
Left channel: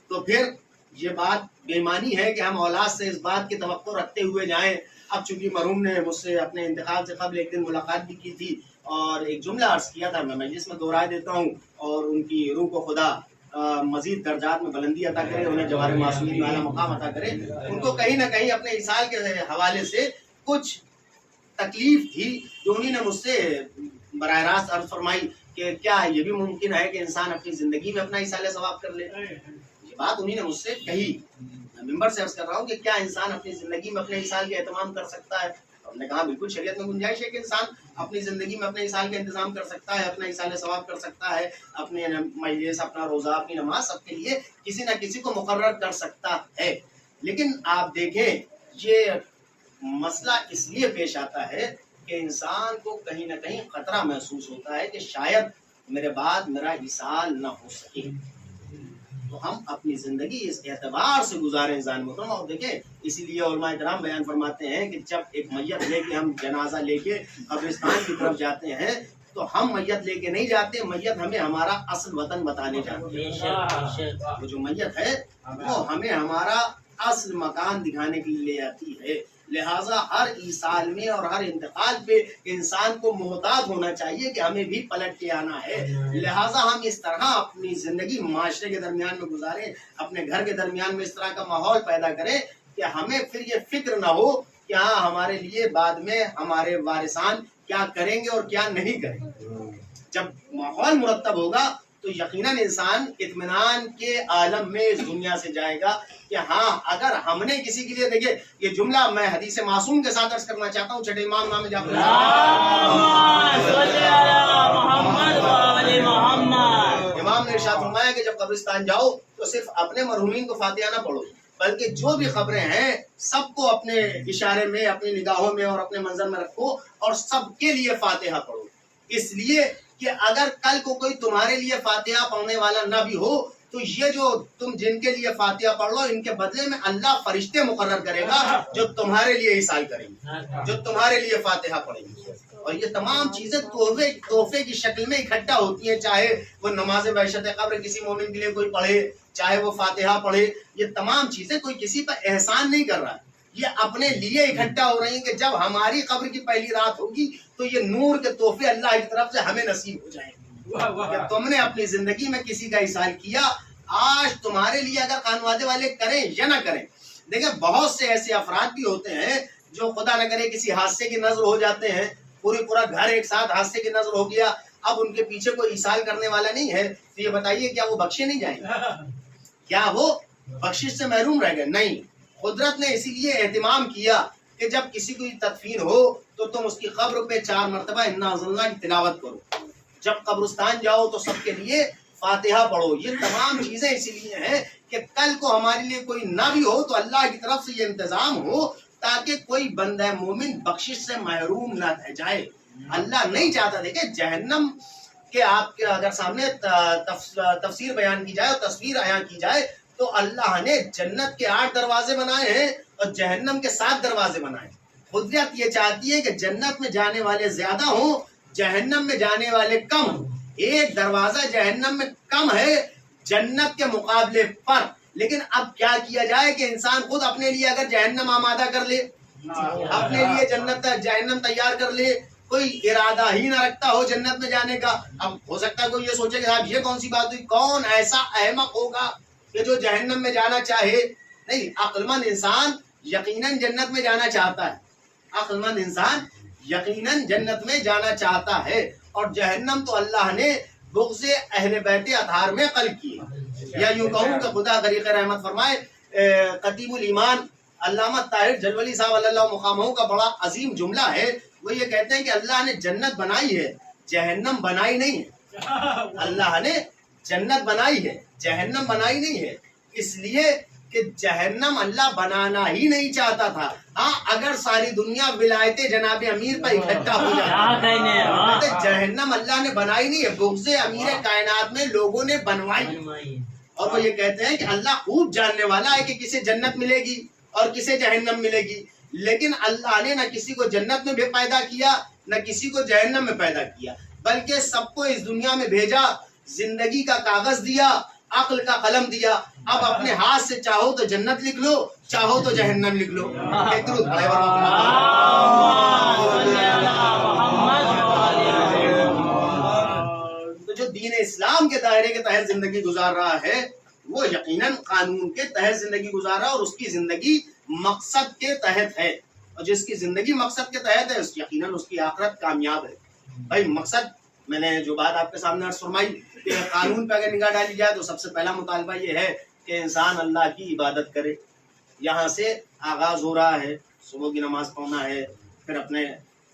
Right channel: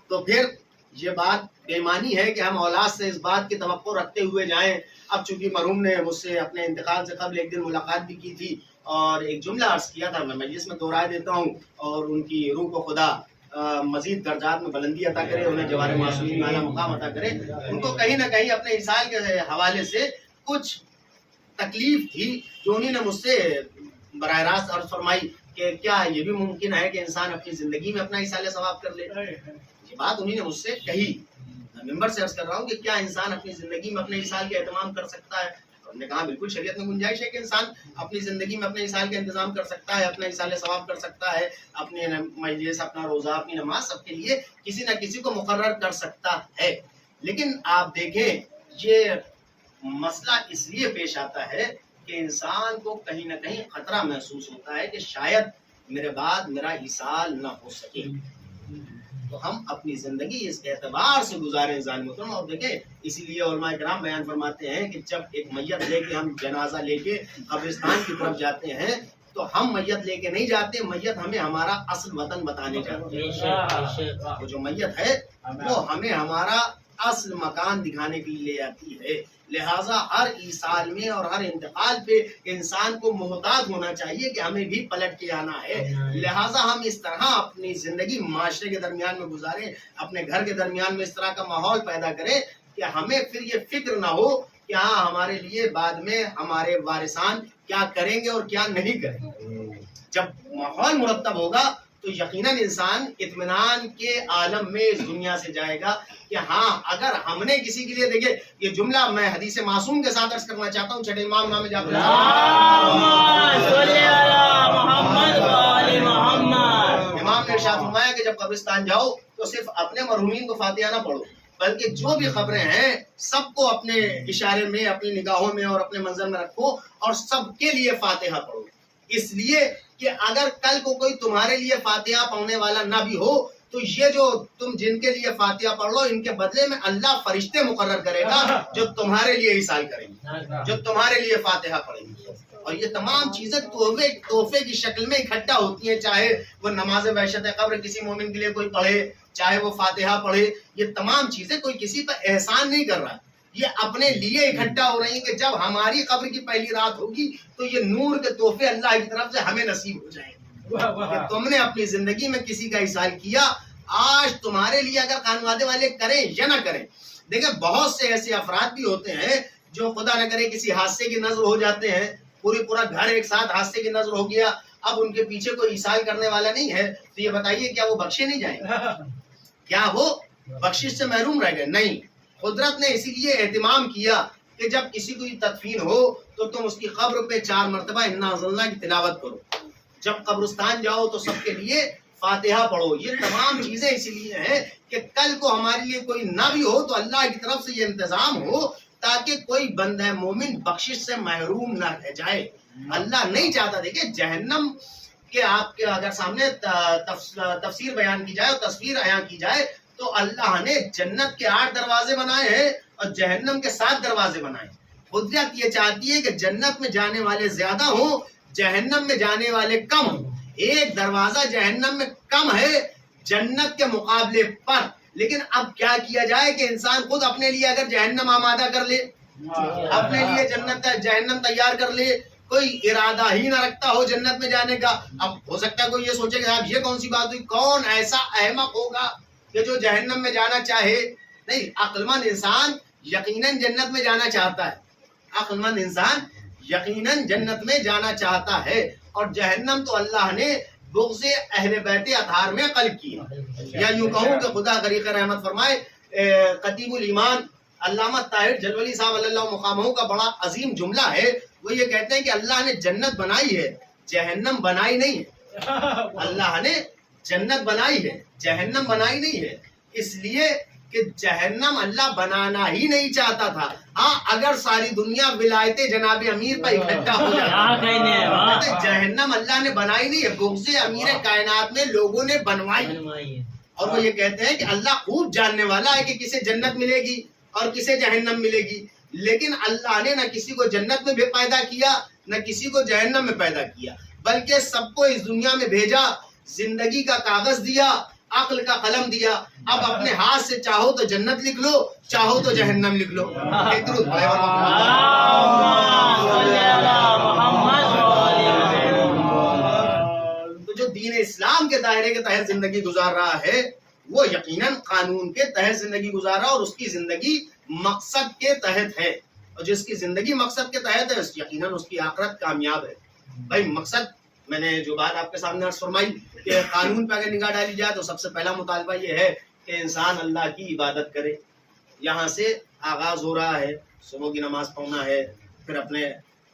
تو پھر یہ بات بے ایمانی ہے کہ ہم اولاد سے اس بات کی توقع رکھتے ہوئے جائیں. اب چونکہ مرحوم نے مجھ سے اپنے انتقال سے قبل ایک دن ملاقات بھی کی تھی اور ایک جملہ عرض کیا تھا، میں مجلس میں دہرائے دیتا ہوں، اور ان کی روح کو خدا مزید درجات میں بلندی عطا کرے، انہیں جوار معصومین والا مقام عطا کرے۔ ان کو کہیں نہ کہیں اپنے عیسال کے حوالے سے کچھ تکلیف تھی جو انہوں نے مجھ سے براہ راست عرض فرمائی کہ کیا یہ بھی ممکن ہے کہ انسان اپنی زندگی میں اپنا ایصال ثواب کر لے۔ یہ بات انہوں نے مجھ سے کہی، میں ممبر سے عرض کر رہا ہوں کہ کیا انسان اپنی زندگی میں اپنے ایصال کا اہتمام کر سکتا ہے؟ ہم نے کہا بالکل شریعت میں گنجائش ہے کہ انسان اپنی زندگی میں اپنے ایصال کا انتظام کر سکتا ہے، اپنا ایصال ثواب کر سکتا ہے، اپنے مجلس، اپنا روزہ، اپنی نماز سب کے لیے کسی نہ کسی کو مقرر کر سکتا ہے۔ لیکن آپ دیکھیں یہ مسئلہ اس لیے پیش آتا ہے کہ انسان کو کہیں نہ کہیں خطرہ محسوس ہوتا ہے کہ شاید میرے بعد میرا ایصال نہ ہو سکے، تو ہم اپنی زندگی اس اعتبار سے گزاریں انسان محترم۔ اور دیکھیں اسی لیے علماء کرام بیان فرماتے ہیں کہ جب ایک میت لے کے ہم جنازہ لے کے قبرستان کی طرف جاتے ہیں تو ہم میت لے کے نہیں جاتے، میت ہمیں ہمارا اصل وطن بتانے جاتے ہیں۔ وہ جو میت ہے وہ ہمیں ہمارا اصل مکان دکھانے کے لیے لے جاتی ہے۔ لہٰذا ہر ایصال میں اور ہر انتقال پہ انسان کو محتاط ہونا چاہیے کہ ہمیں بھی پلٹ کے آنا ہے۔ لہٰذا ہم اس طرح اپنی زندگی معاشرے کے درمیان میں گزاریں، اپنے گھر کے درمیان میں اس طرح کا ماحول پیدا کریں کہ ہمیں پھر یہ فکر نہ ہو کہ ہاں ہمارے لیے بعد میں ہمارے وارثان کیا کریں گے اور کیا نہیں کریں گے۔ جب ماحول مرتب ہوگا تو یقیناً انسان اطمینان کے عالم میں اس دنیا سے جائے گا کہ ہاں اگر ہم نے کسی کے لیے، دیکھیں یہ جملہ میں حدیث معصوم کے ساتھ عرض کرنا چاہتا ہوں، چھٹے امام امام جعفر امام نے ارشاد فرمایا کہ جب قبرستان جاؤ تو صرف اپنے مرحومین کو فاتحہ نہ پڑھو، بلکہ جو بھی قبریں ہیں سب کو اپنے اشارے میں، اپنی نگاہوں میں اور اپنے منظر میں رکھو اور سب کے لیے فاتحہ پڑھو، اس لیے کہ اگر کل کو کوئی تمہارے لیے فاتحہ پڑھنے والا نہ بھی ہو تو یہ جو تم جن کے لیے فاتحہ پڑھ لو ان کے بدلے میں اللہ فرشتے مقرر کرے گا جو تمہارے لیے ایصال کریں گے، جو تمہارے لیے فاتحہ پڑھیں گے۔ اور یہ تمام چیزیں تحفے کی شکل میں اکٹھا ہوتی ہیں، چاہے وہ نماز وحشت قبر کسی مومن کے لیے کوئی پڑھے، چاہے وہ فاتحہ پڑھے، یہ تمام چیزیں کوئی کسی پر احسان نہیں کر رہا ہے، یہ اپنے لیے اکٹھا ہو رہی ہیں کہ جب ہماری قبر کی پہلی رات ہوگی تو یہ نور کے تحفے اللہ کی طرف سے ہمیں نصیب ہو جائیں گے کہ تم نے اپنی زندگی میں کسی کا ایصال کیا۔ آج تمہارے لیے اگر خانوادے والے کریں یا نہ کریں، دیکھیں بہت سے ایسے افراد بھی ہوتے ہیں جو خدا نہ کرے کسی حادثے کی نظر ہو جاتے ہیں، پورا گھر ایک ساتھ حادثے کی نظر ہو گیا، اب ان کے پیچھے کوئی ایصال کرنے والا نہیں ہے، تو یہ بتائیے کیا وہ بخشے نہیں جائیں گے؟ کیا وہ بخشش سے محروم رہ گئے؟ نہیں، قدرت نے اسی لیے اہتمام کیا کہ جب کسی کو تدفین ہو تو تم اس کی قبر پہ 4 مرتبہ انا انزلنا کی تلاوت کرو، جب قبرستان جاؤ تو سب کے لیے فاتحہ پڑھو۔ یہ تمام چیزیں اسی لیے ہیں کہ کل کو ہمارے لیے کوئی نہ بھی ہو تو اللہ کی طرف سے یہ انتظام ہو تاکہ کوئی بندہ مومن بخشش سے محروم نہ رہ جائے۔ اللہ نہیں چاہتا، دیکھیں جہنم کے آپ کے اگر سامنے تفسیر بیان کی جائے اور تصویر عیاں کی جائے تو اللہ نے جنت کے 8 دروازے بنائے ہیں اور جہنم کے 7 دروازے بنائے ہیں۔ قدرت یہ چاہتی ہے کہ جنت میں جانے والے زیادہ ہوں، جہنم میں جانے والے کم ہوں۔ ایک دروازہ جہنم میں کم ہے جنت کے مقابلے پر، لیکن اب کیا کیا جائے کہ انسان خود اپنے لیے اگر جہنم آمادہ کر لے، اپنے لیے جہنم تیار کر لے، کوئی ارادہ ہی نہ رکھتا ہو جنت میں جانے کا، اب ہو سکتا ہے کوئی یہ سوچے کہ صاحب یہ کون سی بات ہوئی، کون ایسا احمق ہوگا کہ جو جہنم میں جانا چاہے؟ نہیں، عقل مند انسان یقیناً جنت میں جانا چاہتا ہے، عقل مند انسان یقیناً جنت میں جانا چاہتا ہے، اور جہنم تو اللہ نے بغض اہل بیت اطہار میں قلب کی ہے۔ یا یوں کہوں کہ خدا غریق رحمت فرمائے، قطیب الایمان علامہ طاہر جلولی صاحب اللہ مقامہ کا بڑا عظیم جملہ ہے، وہ یہ کہتے ہیں کہ اللہ نے جنت بنائی ہے، جہنم بنائی نہیں ہے۔ اللہ نے جنت بنائی ہے، جہنم بنائی نہیں ہے، اس لیے کہ جہنم اللہ بنانا ہی نہیں چاہتا تھا۔ ہاں اگر ساری دنیا ولایت جناب امیر پر اکٹھا ہو جاتی، جہنم اللہ نے بنائی نہیں ہے، بغض امیر کائنات میں لوگوں نے بنوائی۔ اور وہ یہ کہتے ہیں کہ اللہ خوب جاننے والا ہے کہ کسے جنت ملے گی اور کسے جہنم ملے گی، لیکن اللہ نے نہ کسی کو جنت میں بھی پیدا کیا نہ کسی کو جہنم میں پیدا کیا، بلکہ سب کو اس دنیا میں بھیجا، زندگی کا کاغذ دیا، عقل کا قلم دیا، اب اپنے ہاتھ سے چاہو تو جنت لکھ لو، چاہو تو جہنم لکھ لو۔ ایک درود پڑھیں۔ دین اسلام کے دائرے کے تحت زندگی گزار رہا ہے وہ یقیناً قانون کے تحت زندگی گزار رہا ہے اور اس کی زندگی مقصد کے تحت ہے، اور جس کی زندگی مقصد کے تحت ہے یقیناً اس کی آخرت کامیاب ہے۔ بھائی مقصد، میں نے جو بات آپ کے سامنے عرض فرمائی کہ قانون پہ اگر نگاہ ڈالی جائے تو سب سے پہلا مطالبہ یہ ہے کہ انسان اللہ کی عبادت کرے۔ یہاں سے آغاز ہو رہا ہے، صبح کی نماز پڑھنا ہے، پھر اپنے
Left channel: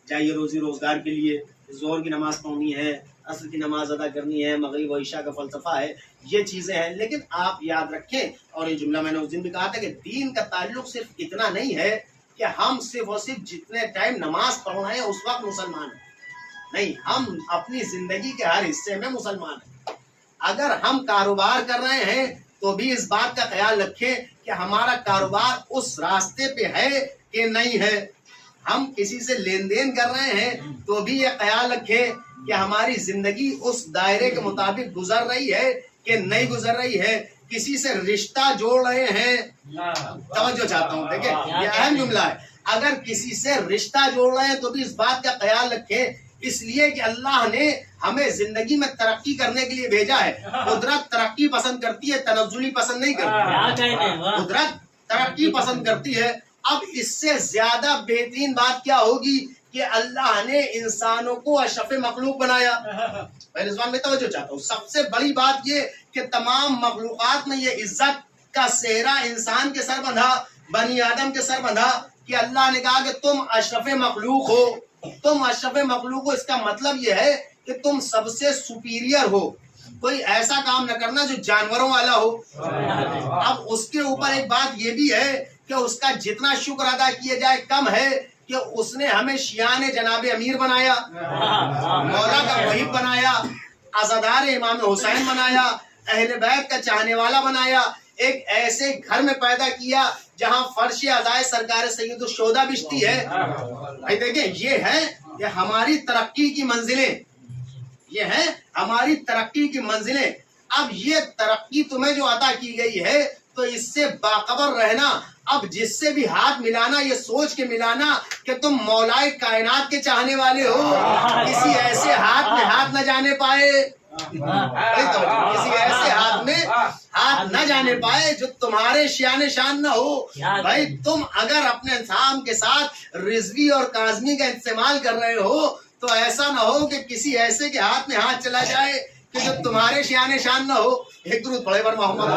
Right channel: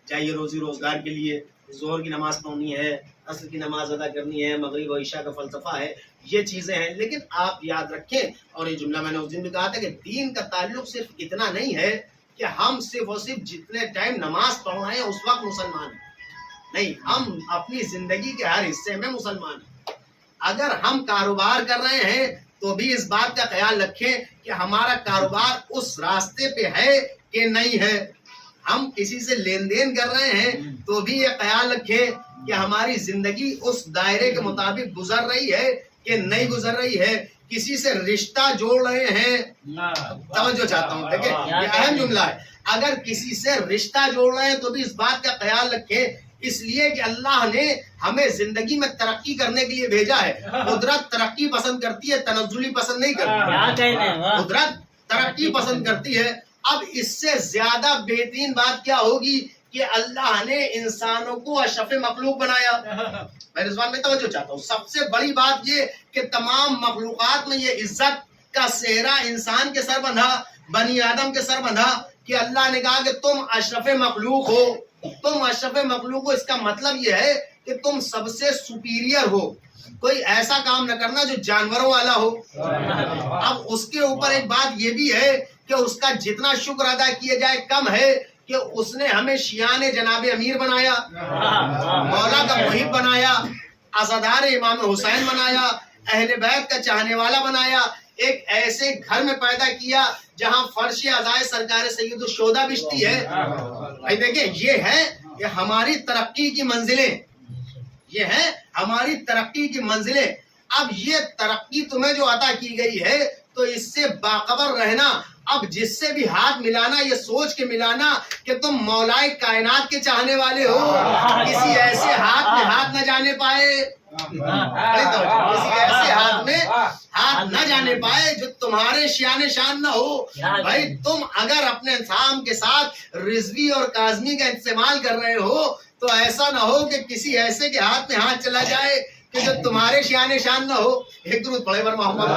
چاہیے روزی روزگار کے لیے ظہر کی نماز پڑھنی ہے، عصر کی نماز ادا کرنی ہے، مغرب و عشاء کا فلسفہ ہے، یہ چیزیں ہیں۔ لیکن آپ یاد رکھیں، اور یہ جملہ میں نے اس دن بھی کہا تھا کہ دین کا تعلق صرف اتنا نہیں ہے کہ ہم صرف اور صرف جتنے ٹائم نماز پڑھ رہے ہیں اس وقت مسلمان ہیں، نہیں، ہم اپنی زندگی کے ہر حصے میں مسلمان ہیں۔ اگر ہم کاروبار کر رہے ہیں تو بھی اس بات کا خیال رکھیں کہ ہمارا کاروبار اس راستے پہ ہے کہ نہیں ہے۔ ہم کسی سے لین دین کر رہے ہیں تو بھی یہ خیال رکھیں کہ ہماری زندگی اس دائرے کے مطابق گزر رہی ہے کہ نہیں گزر رہی ہے۔ کسی سے رشتہ جوڑ رہے ہیں، توجہ چاہتا ہوں، دیکھیں یہ اہم جملہ ہے، اگر کسی سے رشتہ جوڑ رہے ہیں تو بھی اس بات کا خیال رکھیں، اس لیے کہ اللہ نے ہمیں زندگی میں ترقی کرنے کے لیے بھیجا ہے۔ قدرت ترقی پسند کرتی ہے، تنزلی پسند نہیں کرتی۔ قدرت ترقی پسند کرتی ہے۔ اب اس سے زیادہ بہترین بات کیا ہوگی کہ اللہ نے انسانوں کو اشرف مخلوق بنایا۔ میں رضوان میں توجہ چاہتا ہوں، سب سے بڑی بات یہ کہ تمام مخلوقات میں یہ عزت کا صحرا انسان کے سر بندھا، بنی آدم کے سر بندھا کہ اللہ نے کہا کہ تم اشرف مخلوق ہو، تم اشرف مخلوق ہو۔ اس کا مطلب یہ ہے کہ تم سب سے سپیریئر ہو، کوئی ایسا کام نہ کرنا جو جانوروں والا ہو۔ اب اس کے اوپر ایک بات یہ بھی ہے کہ اس کا جتنا شکر ادا کیا جائے کم ہے کہ اس نے ہمیں شیان جناب امیر بنایا، مولا کا محب بنایا، عزادار امام حسین بنایا، اہل بیت کا چاہنے والا بنایا، ایک ایسے گھر میں پیدا کیا جہاں فرش عزائے سرکار سید الشہداء بچتی ہے۔ بھائی دیکھیں یہ ہے کہ ہماری ترقی کی منزلیں، یہ ہے ہماری ترقی کی منزلیں۔ اب یہ ترقی تمہیں جو عطا کی گئی ہے تو اس سے باخبر رہنا، اب جس سے بھی ہاتھ ملانا یہ سوچ کے ملانا کہ تم مولائے کائنات کے چاہنے والے ہو، کسی ایسے ہاتھ میں ہاتھ نہ جانے پائے، کسی ایسے ہاتھ میں ہاتھ نہ جانے پائے جو تمہارے شان شان نہ ہو۔ بھائی تم اگر اپنے انسان کے ساتھ رضوی اور کاظمی کا استعمال کر رہے ہو تو ایسا نہ ہو کہ کسی ایسے کے ہاتھ میں ہاتھ چلا جائے کہ جو تمہارے شان شان نہ ہو۔ ایک درود پڑھے بر محمد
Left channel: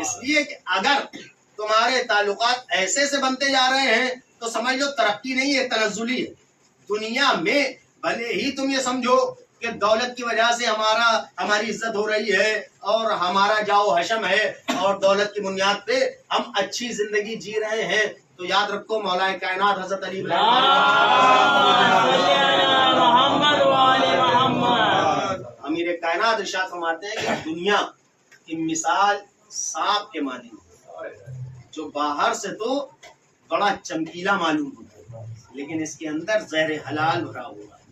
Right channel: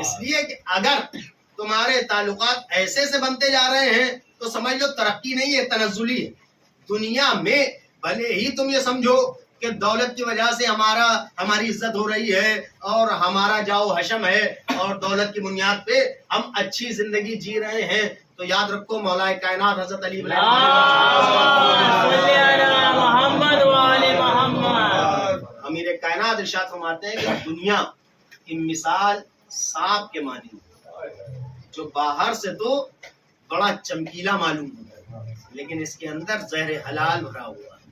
اس لیے کہ اگر تمہارے تعلقات ایسے سے بنتے جا رہے ہیں تو سمجھ لو ترقی نہیں ہے، تنزلی ہے۔ دنیا میں بھلے ہی تم یہ سمجھو کہ دولت کی وجہ سے ہماری عزت ہو رہی ہے اور ہمارا جاؤ حشم ہے اور دولت کی بنیاد پہ ہم اچھی زندگی جی رہے ہیں، تو یاد رکھو مولا کائنات حضرت علی امیر کائنات ارشاد فرماتے ہیں کہ دنیا کی مثال سانپ کے مانند، جو باہر سے تو بڑا چمکیلا معلوم ہوتا ہے لیکن اس کے اندر زہر حلال بھرا ہوا ہے،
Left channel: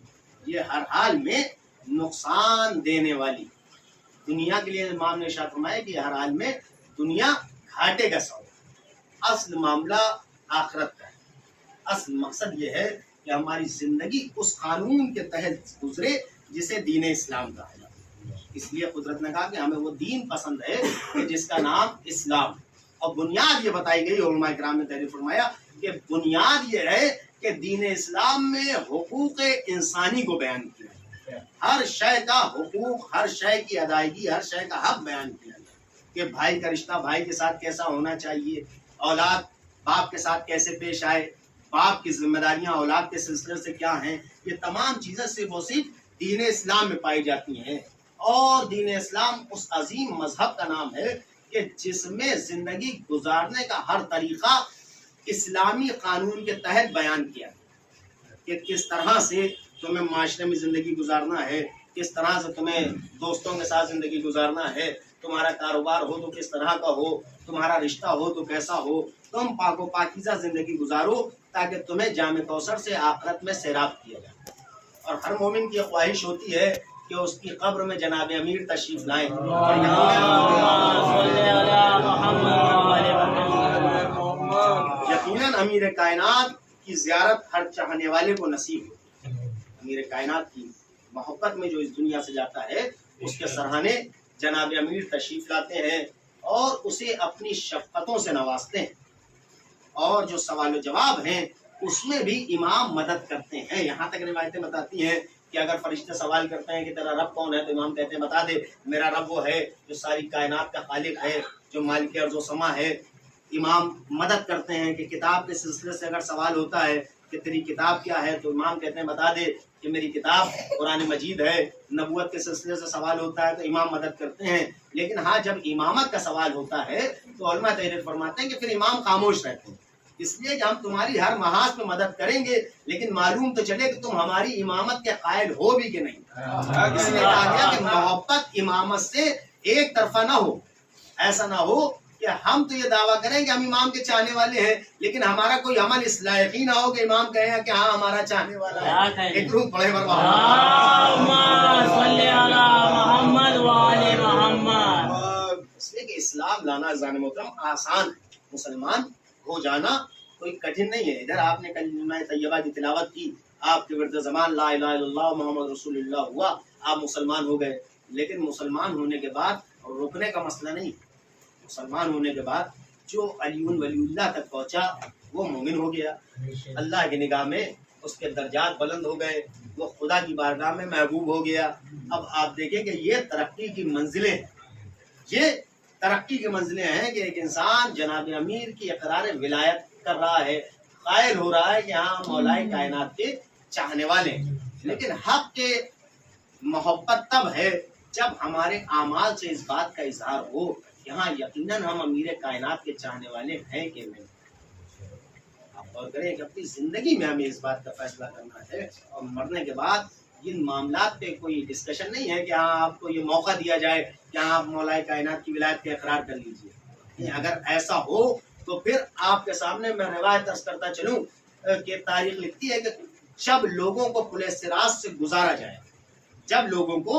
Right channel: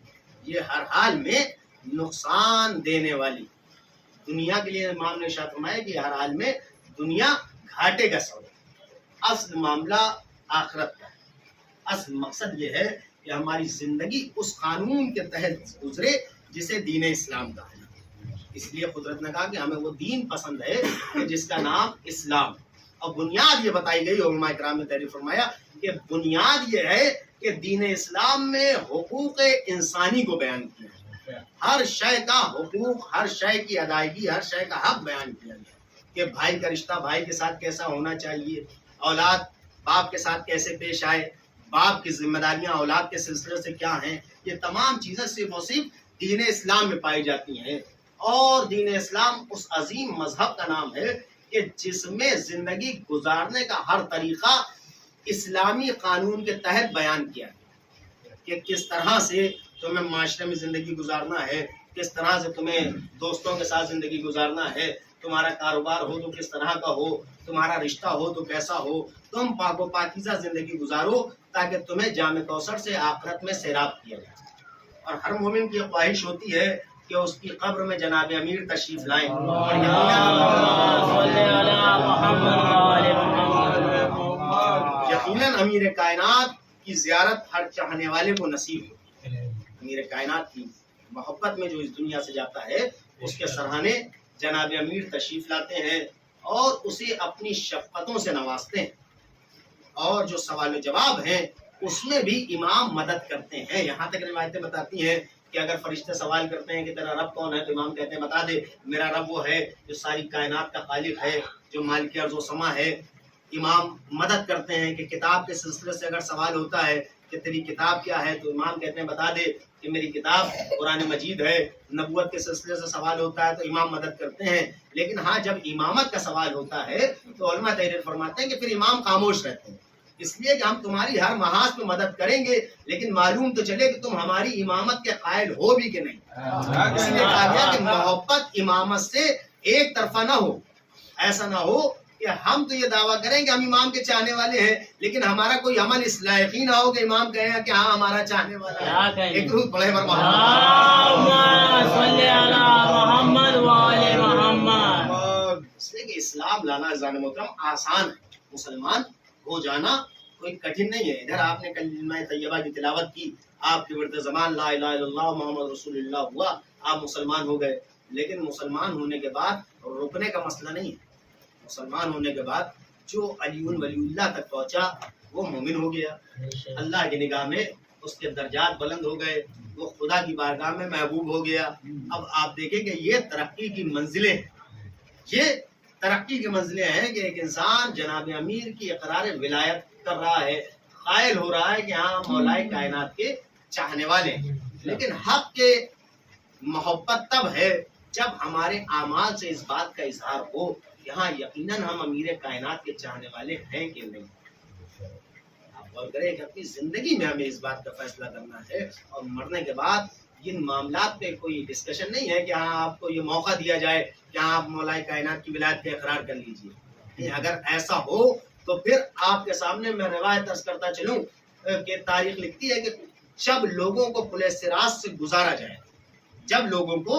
یہ ہر حال میں نقصان دینے والی دنیا کے لیے امام نے ارشاد فرمایا کہ ہر حال میں دنیا گھاٹے کا سودا۔ اصل معاملہ آخرت کا ہے، اصل مقصد یہ ہے کہ ہماری زندگی اس قانون کے تحت گزرے جسے دین اسلام کہا جاتا ہے۔ اس لیے قدرت نے کہا کہ ہمیں وہ دین پسند ہے کہ جس کا نام اسلام ہے، اور بنیاد یہ بتائی گئی، علماء کرام نے تحریر فرمایا کہ بنیاد یہ ہے کہ دین اسلام میں حقوق انسانی کو بیان کیا ہے، ہر شے کا حقوق، ہر شے کی ادائیگی، ہر شے کا حق بیان کیا گیا کہ بھائی کا رشتہ بھائی کے ساتھ کیسا ہونا چاہیے، اولاد باپ کے ساتھ کیسے پیش آئے، باپ کی ذمہ داریاں اولاد کے سلسلے سے کیا ہیں، یہ تمام چیزیں صرف اور صرف دین اسلام میں پائی جاتی ہیں۔ اور دین اسلام اس عظیم مذہب کا نام ہے کہ جس میں زندگی گزارنے کا ہر طریقہ اسلامی قانون کے تحت بیان کیا ہے کہ کس طرح سے تمہیں معاشرے میں زندگی گزارنا ہے، کس طرح سے تمہیں دوستوں کے ساتھ زندگی گزارنا ہے، تمہارا کاروبار ہو تو کس طرح کا ہو، تمہارا رشتہ ہو تو کیسا ہو، تم پاک و پاکیزہ زندگی گزارو تاکہ تمہیں جام کوثر سے آخرت میں سیراب کیا جائے۔ اور ہر مومن کی خواہش ہوتی ہے کہ اس کی قبر میں جناب امیر تشریف لائیں، اور یقیناً امیر کائنات کی زیارت ہر چاہنے والے کو نصیب ہوتی ہے۔ امیر کائنات کی محبت میں جو اس دنیا سے جاتا ہے اس کے سرہانے جناب امیر تشریف لاتے ہیں اور اسے اپنی شفقتوں سے نوازتے ہیں، اور جو سوال و جواب ہیں اس میں بھی امام مدد کرتے ہیں۔ یہاں تک روایتیں بتاتی ہیں کہ اگر فرشتے سوال کرتے ہیں کہ تیرا رب کون ہے، تو امام کہتے ہیں بتا دے، میرا رب وہ ہے جو ساری کائنات کا خالق ہے، جو مالک ارض و سما ہے۔ امام مدد کرتے ہیں کہ کتاب کے سلسلے سے اگر سوال ہوتا ہے کہ تیری کتاب کیا ہے، تو امام کہتے ہیں بتا دے کہ میری کتاب قرآن مجید ہے۔ نبوت کے سلسلے سے سوال ہوتا ہے تو امام مدد کرتے ہیں، لیکن ہاں جب امامت کا سوال ہوتا ہے تو علماء تحریر فرماتے ہیں کہ پھر امام خاموش رہتے ہیں، اس لیے کہ ہم تمہاری ہر محاذ میں مدد کریں گے، لیکن معلوم تو چلے کہ تم ہماری امامت کے قائل ہو بھی کہ نہیں۔ اس لیے کہا گیا کہ محبت امامت سے ایک طرفہ نہ ہو، ایسا نہ ہو کہ ہم تو یہ دعویٰ کریں کہ ہم امام کے چاہنے والے ہیں، لیکن ہمارا کوئی عمل اس لائق ہی نہ ہو کہ امام کہے کہ ہاں ہمارا چاہنے والا ہے۔ ایک درود پڑھے اس لیے کہ اسلام لانا عزیزان محترم آسان ہے، مسلمان ہو جانا کوئی کٹھن نہیں ہے۔ ادھر آپ نے کلمہ طیبہ کی تلاوت کی، آپ کے ورد زبان لا الہ الا اللہ محمد رسول اللہ ہوا، آپ مسلمان ہو گئے، لیکن مسلمان ہونے کے بعد رکنے کا مسئلہ نہیں ہے۔ مسلمان ہونے کے بعد جو علی ولی اللہ تک پہنچا وہ مومن ہو گیا، اللہ کی نگاہ میں اس کے درجات بلند ہو گئے، وہ خدا کی بارگاہ میں محبوب ہو گیا۔ اب آپ دیکھیں کہ یہ ترقی کی منزلیں ہیں، یہ ترقی کی منزلیں ہیں کہ ایک انسان جناب امیر کی اقرار ولایت کر رہا ہے، قائل ہو رہا ہے کہ ہاں مولائے کائنات کے چاہنے والے ہیں۔ لیکن حق کے محبت تب ہے جب ہمارے اعمال سے اس بات کا اظہار ہو کہ ہاں یقیناً ہم امیر کائنات کے چاہنے والے ہیں کہ نہیں۔ آپ غور کریں کہ اپنی زندگی میں ہمیں اس بات کا فیصلہ کرنا ہے، اور مرنے کے بعد ان معاملات پہ کوئی ڈسکشن نہیں ہے کہ ہاں آپ کو یہ موقع دیا جائے کہ ہاں آپ مولائے کائنات کی ولایت کا اقرار کر لیجئے۔ اگر ایسا ہو تو پھر آپ کے سامنے میں روایت عرض کرتا چلوں کہ تاریخ لکھتی ہے کہ جب لوگوں کو پل صراط سے گزارا جائے، جب لوگوں کو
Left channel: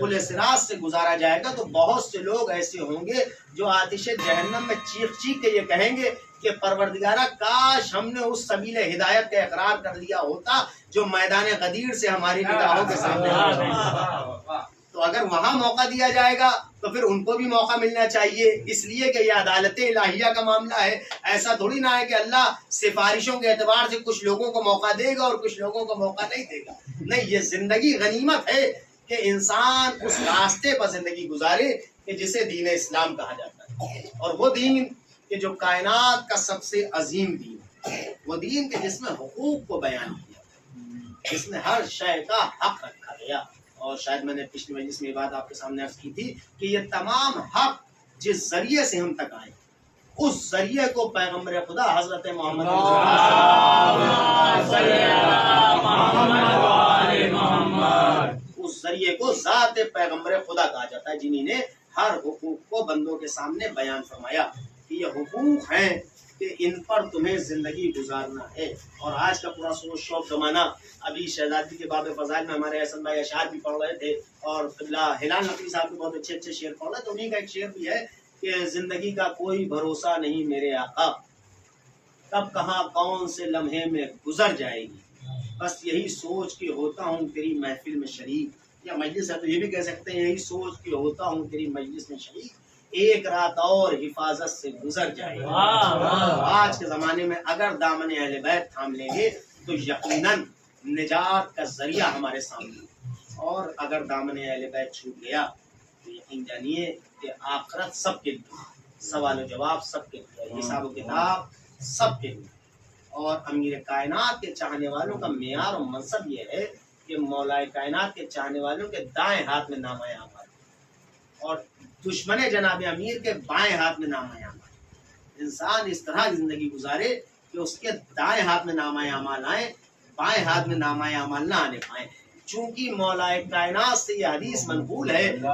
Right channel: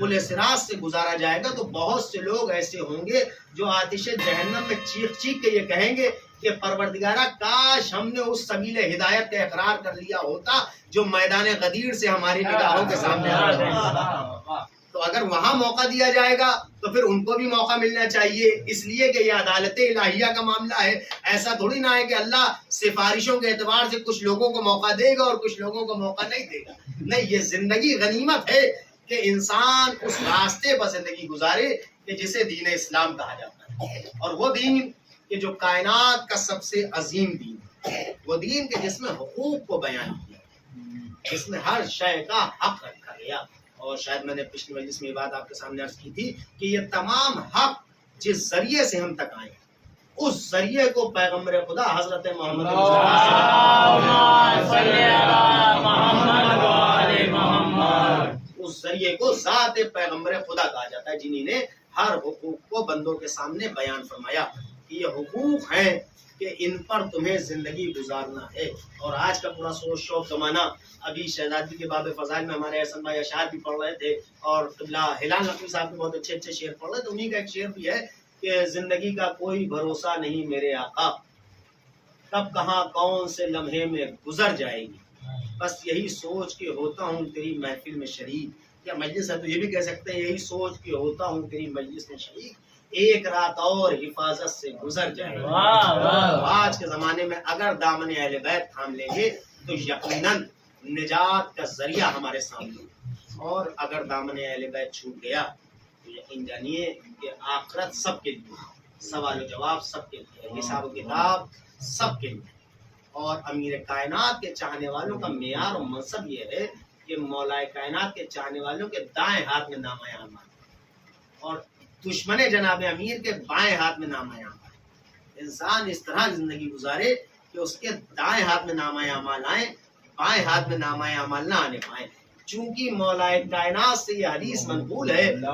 پل صراط سے گزارا جائے گا تو بہت سے لوگ ایسے ہوں گے جو آتش جہنم میں چیخ چیخ کے یہ کہیں گے کہ پروردگارہ کاش ہم نے اس سبیل ہدایت کا اقرار کر لیا ہوتا جو میدان غدیر سے ہماری نگاہوں کے سامنے آ رہے ہیں۔ تو اگر وہاں موقع دیا جائے گا تو پھر ان کو بھی موقع ملنا چاہیے، اس لیے کہ یہ عدالت الہیہ کا معاملہ ہے۔ ایسا تھوڑی نہ ہے کہ اللہ سفارشوں کے اعتبار سے کچھ لوگوں کو موقع دے گا اور کچھ لوگوں کو موقع نہیں دے گا۔ نہیں، یہ زندگی غنیمت ہے کہ انسان اس راستے پر زندگی گزارے کہ جسے دین اسلام کہا جاتا ہے، اور وہ دین کہ جو کائنات کا سب سے عظیم دین ہے، وہ دین کہ جس میں حقوق کو بیان کیا، جس میں ہر شے کا حق رکھا گیا۔ اور شاید میں نے پچھلی مجلس میں یہ بات آپ کے سامنے عرض کی تھی کہ یہ تمام حق جس ذریعے سے ہم تک آئے اس ذریعے کو پیغمبر خدا حضرت محمد اس ذریعے کو ذات پیغمبر خدا کہا جاتا ہے، جنہی نے ہر حقوق کو بندوں کے سامنے بیان فرمایا کہ یہ حقوق ہیں کہ ان پر تمہیں زندگی گزارنا ہے۔ اور آج کا پورا شوق زمانہ، ابھی شہزادی کے باب فضائل میں ہمارے احسن بھائی اشعار بھی پڑھ رہے تھے، اور قبلہ ہلال نقوی صاحب کے بہت اچھے اچھے شعر پڑھ رہے تھے۔ انہی کا ایک شعر بھی ہے کہ زندگی کا کوئی بھروسہ نہیں میرے آقا، کب کہاں کون سے لمحے میں گزر جائے گی، بس یہی سوچ کے ہوتا ہوں تیری محفل میں شریک، یا مجلس ہے تو یہ بھی کہہ سکتے ہیں یہی سوچ کے ہوتا ہوں تیری مجلس میں شریک، ایک رات اور حفاظت سے گزر جائے گی۔ آج کے زمانے میں اگر دامن اہل بیت تھام لیں گے تو یقیناً نجات کا ذریعہ ہمارے سامنے، اور اگر دامن اہل بیت چھوٹ گیا تو یقین جانیے کہ آخرت سب کے لیے، سوال و جواب سب کے لیے، حساب و کتاب سب کے لیے۔ اور امیر کائنات کے چاہنے والوں کا معیار اور منصب یہ ہے کہ مولائے کائنات کے چاہنے والوں کے دائیں ہاتھ میں نامہ اعمال، اور دشمن جناب امیر کے بائیں ہاتھ میں نامہ اعمال۔ انسان اس طرح زندگی گزارے کہ اس کے دائیں ہاتھ میں نامہ اعمال آئیں، بائیں ہاتھ میں نامہ اعمال نہ آنے پائیں۔ چونکہ مولائے کائنات سے یہ حدیث منقول ہے کہ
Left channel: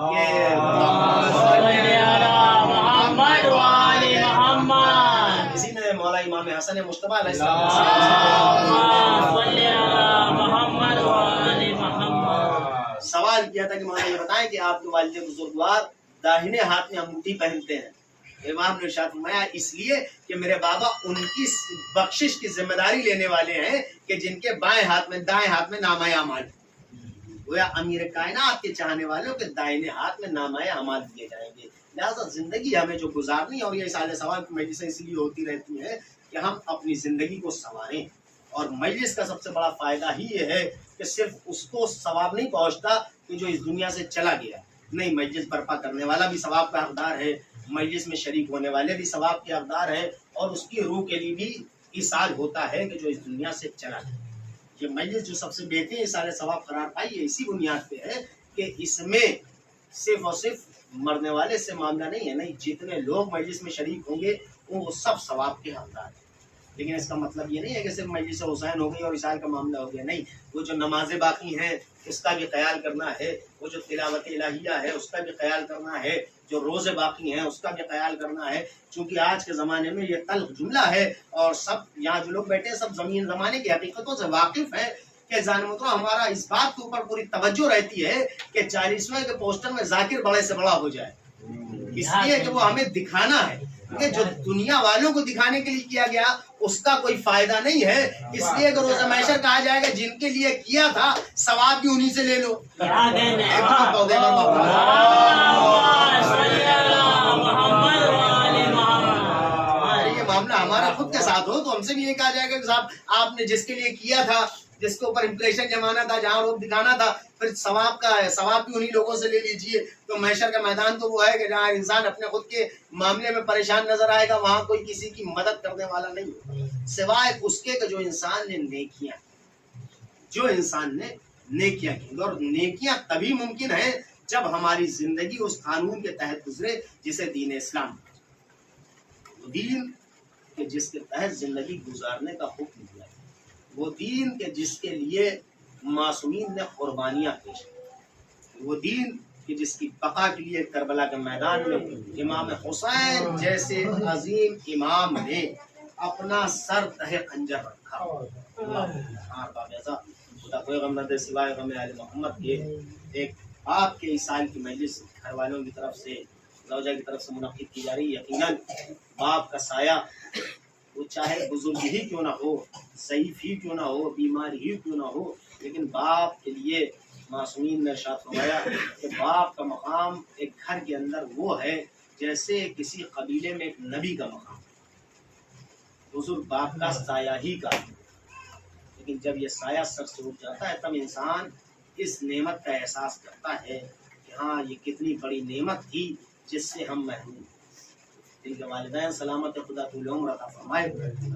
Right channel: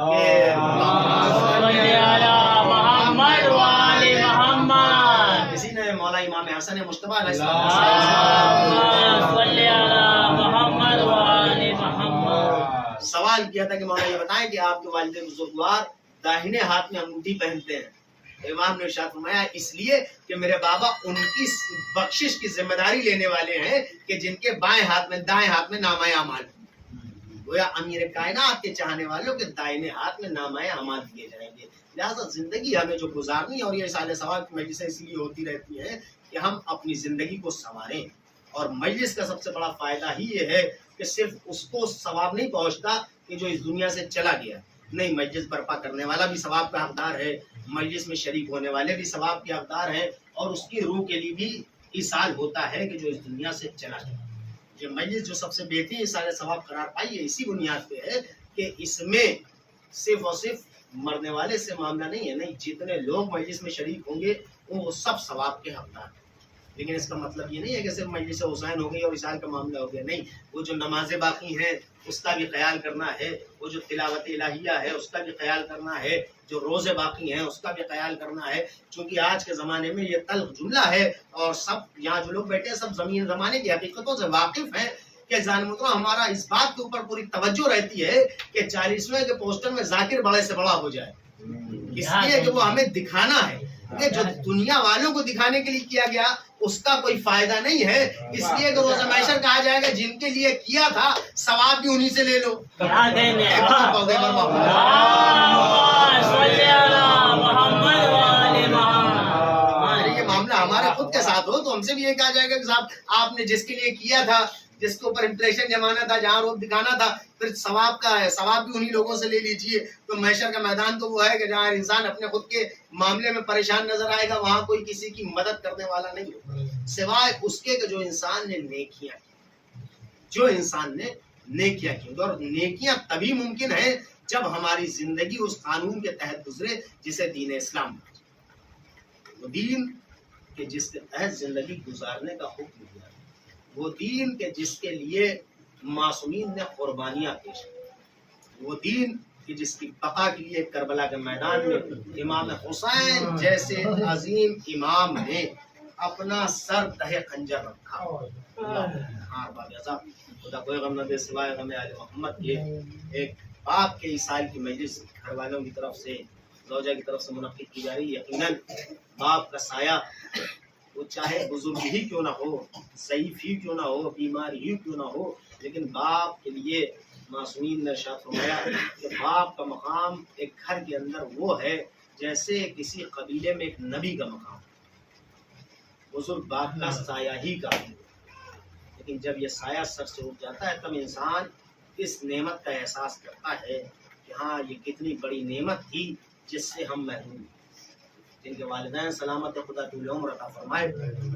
کسی نے مولا امام حسن مجتبیٰ علیہ السلام سوال کیا تھا کہ مولا یہ بتائیں کہ آپ کے والد بزرگوار داہنے ہاتھ میں انگوٹھی پہنتے ہیں امام نے ارشاد فرمایا اس لیے کہ میرے بابا ان کی بخشش کی ذمہ داری لینے والے ہیں کہ جن کے بائیں ہاتھ میں دائیں ہاتھ میں نامہ اعمال، گویا امیر کائنات کے چاہنے والوں کے دائیں ہاتھ میں نامہ اعمال دیے جائیں گے۔ لہٰذا زندگی ہمیں جو گزارنی ہے، اور یہ سال سوال کی مجلسیں اسی لیے ہوتی رہتی ہیں کہ ہم اپنی زندگی کو سنواریں، اور مجلس کا سب سے بڑا فائدہ ہی یہ ہے کہ صرف اس کو ثواب نہیں پہنچتا کہ جو اس دنیا سے چلا گیا، نہیں، مجلس برپا کرنے والا بھی ثواب کا حقدار ہے، مجلس میں شریک ہونے والے بھی ثواب کے حقدار ہیں، اور اس کی روح کے لیے بھی ایصال ہوتا ہے کہ جو اس دنیا سے چلا گیا۔ یہ مجلس جو سب سے بہترین ایصال ثواب قرار پائی ہے اسی بنیاد پہ ہے کہ اس میں صرف اور صرف مرنے والے سے معاملہ نہیں ہے، نہیں، جتنے لوگ مجلس میں شریک ہوں گے وہ سب ثواب کے حقدار ہیں۔ لیکن اس کا مطلب یہ نہیں ہے کہ صرف مجلس حسین ہو گئی اور ایصال کا معاملہ ہو گیا، نہیں، وہ جو نمازیں باقی ہیں اس کا بھی خیال کرنا ہے، وہ جو تلاوت الہیہ ہے اس کا بھی خیال کرنا ہے، جو روزے باقی ہیں اس کا بھی خیال کرنا ہے، چونکہ آج کے زمانے میں یہ تلخ جملہ ہے، اور سب یہاں جو لوگ بیٹھے ہیں سب زمین زمانے کی حقیقتوں سے واقف ہیں کہ جان محترم ہمارا اس بات کے اوپر پوری توجہ رہتی ہے کہ 40ویں کے پوسٹر میں ذاکر بڑے سے بڑا ہو جائے، اس لیے کہ وہ ہمیں دکھانا ہے کہ جو دنیا والوں کو دکھانے کے لیے کیا گیا اس کا کوئی فائدہ نہیں ہے، اس لیے کہ روز محشر کہا جائے گا جن کے لیے کیا تھا ثواب بھی انہی سے لے لو۔ یہ معاملہ ہمارا خود کے ساتھ ہو تو ہم سے بھی یہ کہا جائے گا کہ صاحب آپ نے جس کے لیے کیا تھا، جس کے اوپر امپریشن جمانا تھا، جہاں روپ دکھانا تھا، پھر ثواب کا ہے، ثواب بھی انہی لوگوں سے لے لیجئے۔ تو محشر کا میدان تو وہ ہے کہ جہاں انسان اپنے خود کے معاملے میں پریشان نظر آئے گا، وہاں کوئی کسی کی مدد کرنے والا نہیں ہوگا سوائے اس کے کہ جو انسان نے نیکیاں کی، اور نیکیاں تبھی ممکن ہیں جب ہماری زندگی اس قانون کے تحت گزرے جسے دین اسلام، وہ دین کہ جس کے تحت زندگی گزارنے کا حکم دیا، وہ دین کہ جس کے لیے معصومین نے قربانیاں پیش کی، وہ دین کہ جس کی بقا کے لیے کربلا کے میدان میں امام حسین جیسے عظیم امام نے اپنا سر تہ خنجر رکھا۔ خدا کوئی غم نہ دے سوائے غم آل محمد کے۔ ایک باپ کے ایصال کی مجلس گھر والوں کی طرف سے، زوجہ کی طرف سے منعقد کی جا رہی ہے۔ یقیناً باپ کا سایہ وہ چاہے بزرگ ہی کیوں نہ ہو، ضعیف ہی کیوں نہ ہو، بیمار ہی کیوں نہ ہو، لیکن باپ کے لیے معصومین نے ارشاد فرمایا کہ باپ کا مقام ایک گھر کے اندر وہ ہے جیسے کسی قبیلے میں ایک نبی کا مقام، بزرگ باپ کا سایہ ہی کا، لیکن جب یہ سایہ سر سے اٹھ جاتا ہے تب انسان اس نعمت کا احساس کرتا ہے کہ ہاں یہ کتنی بڑی نعمت تھی جس سے ہم محروم، جن کے والدین سلامت خدا طول عمر عطا فرمائے،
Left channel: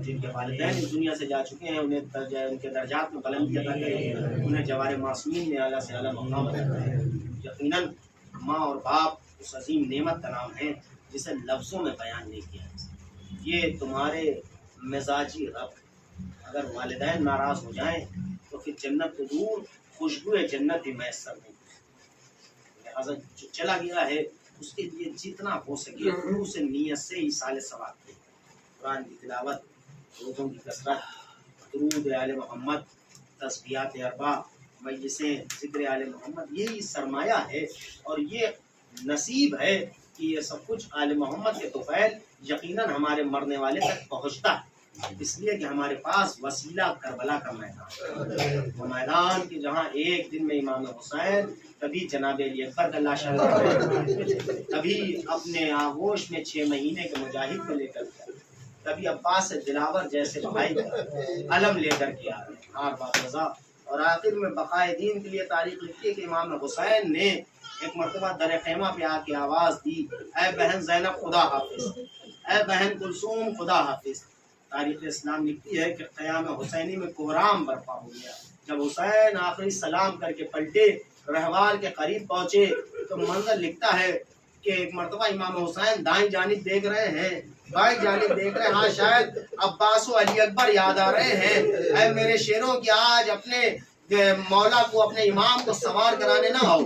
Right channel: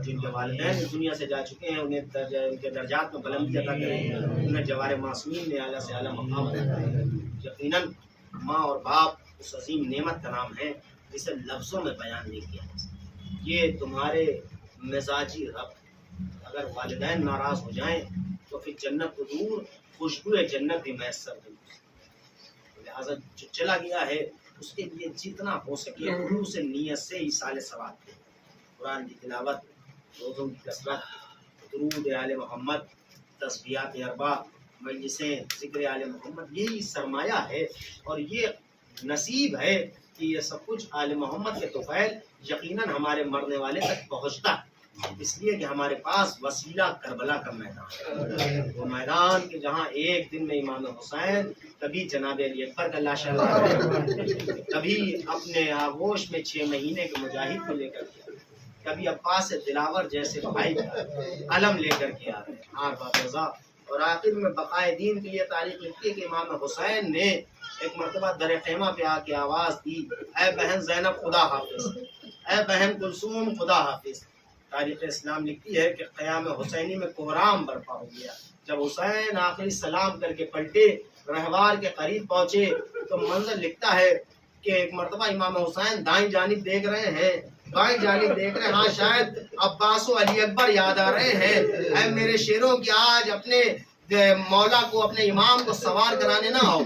جن کے والدین اس دنیا سے جا چکے ہیں انہیں ان کے درجات میں بلندی عطا کرے، انہیں جوار معصومین میں اعلیٰ سے اعلیٰ مقام عطا کرے۔ یقیناً ماں اور باپ اس عظیم نعمت کا نام ہے جسے لفظوں میں بیان نہیں کیا جا سکتا۔ یہ تمہارے مزاجی رب، اگر والدین ناراض ہو جائیں تو پھر جنت کو دور خوشبو جنت بھی میسر نہیں، لہٰذا جو چلا گیا ہے اس کے لیے جتنا ہو سکے خلوص نیت سے ایصال ثواب کی، قرآن کی تلاوت، روزوں کی کثرت، درود آل محمد، تسبیحات اربع، مجلسیں، ذکر آل محمد، یہی سرمایہ ہے اور یہ نصیب ہے کہ یہ سب کچھ آل محمد کے طفیل یقیناً ہمارے مرنے والے تک پہنچتا ہے، اس لیے کہ ہمارے پاس وسیلہ کربلا کا میدان ہے، وہ میدان کہ جہاں ایک دن میں امام حسین کبھی جناب علی اکبر کا لاشا کبھی اپنے آغوش میں 6 مہینے کے مجاہد کو لے کر کے، کبھی عباس دلاور جیسے بھائی کا علم لے کر کے آ رہے ہار بات رضا، اور آخر میں بقائے دین کے لیے تاریخ لکھتی ہے کہ امام حسین نے ایک مرتبہ در خیمہ پہ آ کے آواز دی، اے بہن زینب خدا حافظ، اے بہن کلثوم خدا حافظ۔ تاریخ اسلام لکھتی ہے کہ قیام حسینی میں کوہرام برپا ہو گیا، جب حسین آخری سلام کر کے پلٹے، رہوار کے قریب پہنچے تو منظر لکھتا ہے کہ ایک مرتبہ امام حسین دائیں جانب دیکھ رہے ہیں، بائیں جانب دیکھ رہے ہیں، ہاں شاید عباس و علی اکبر یاد آ رہے ہیں، اے میرے شیروں کی آج اپنے مولا کو، اپنے امام کو سوار کرانے نہ آؤ۔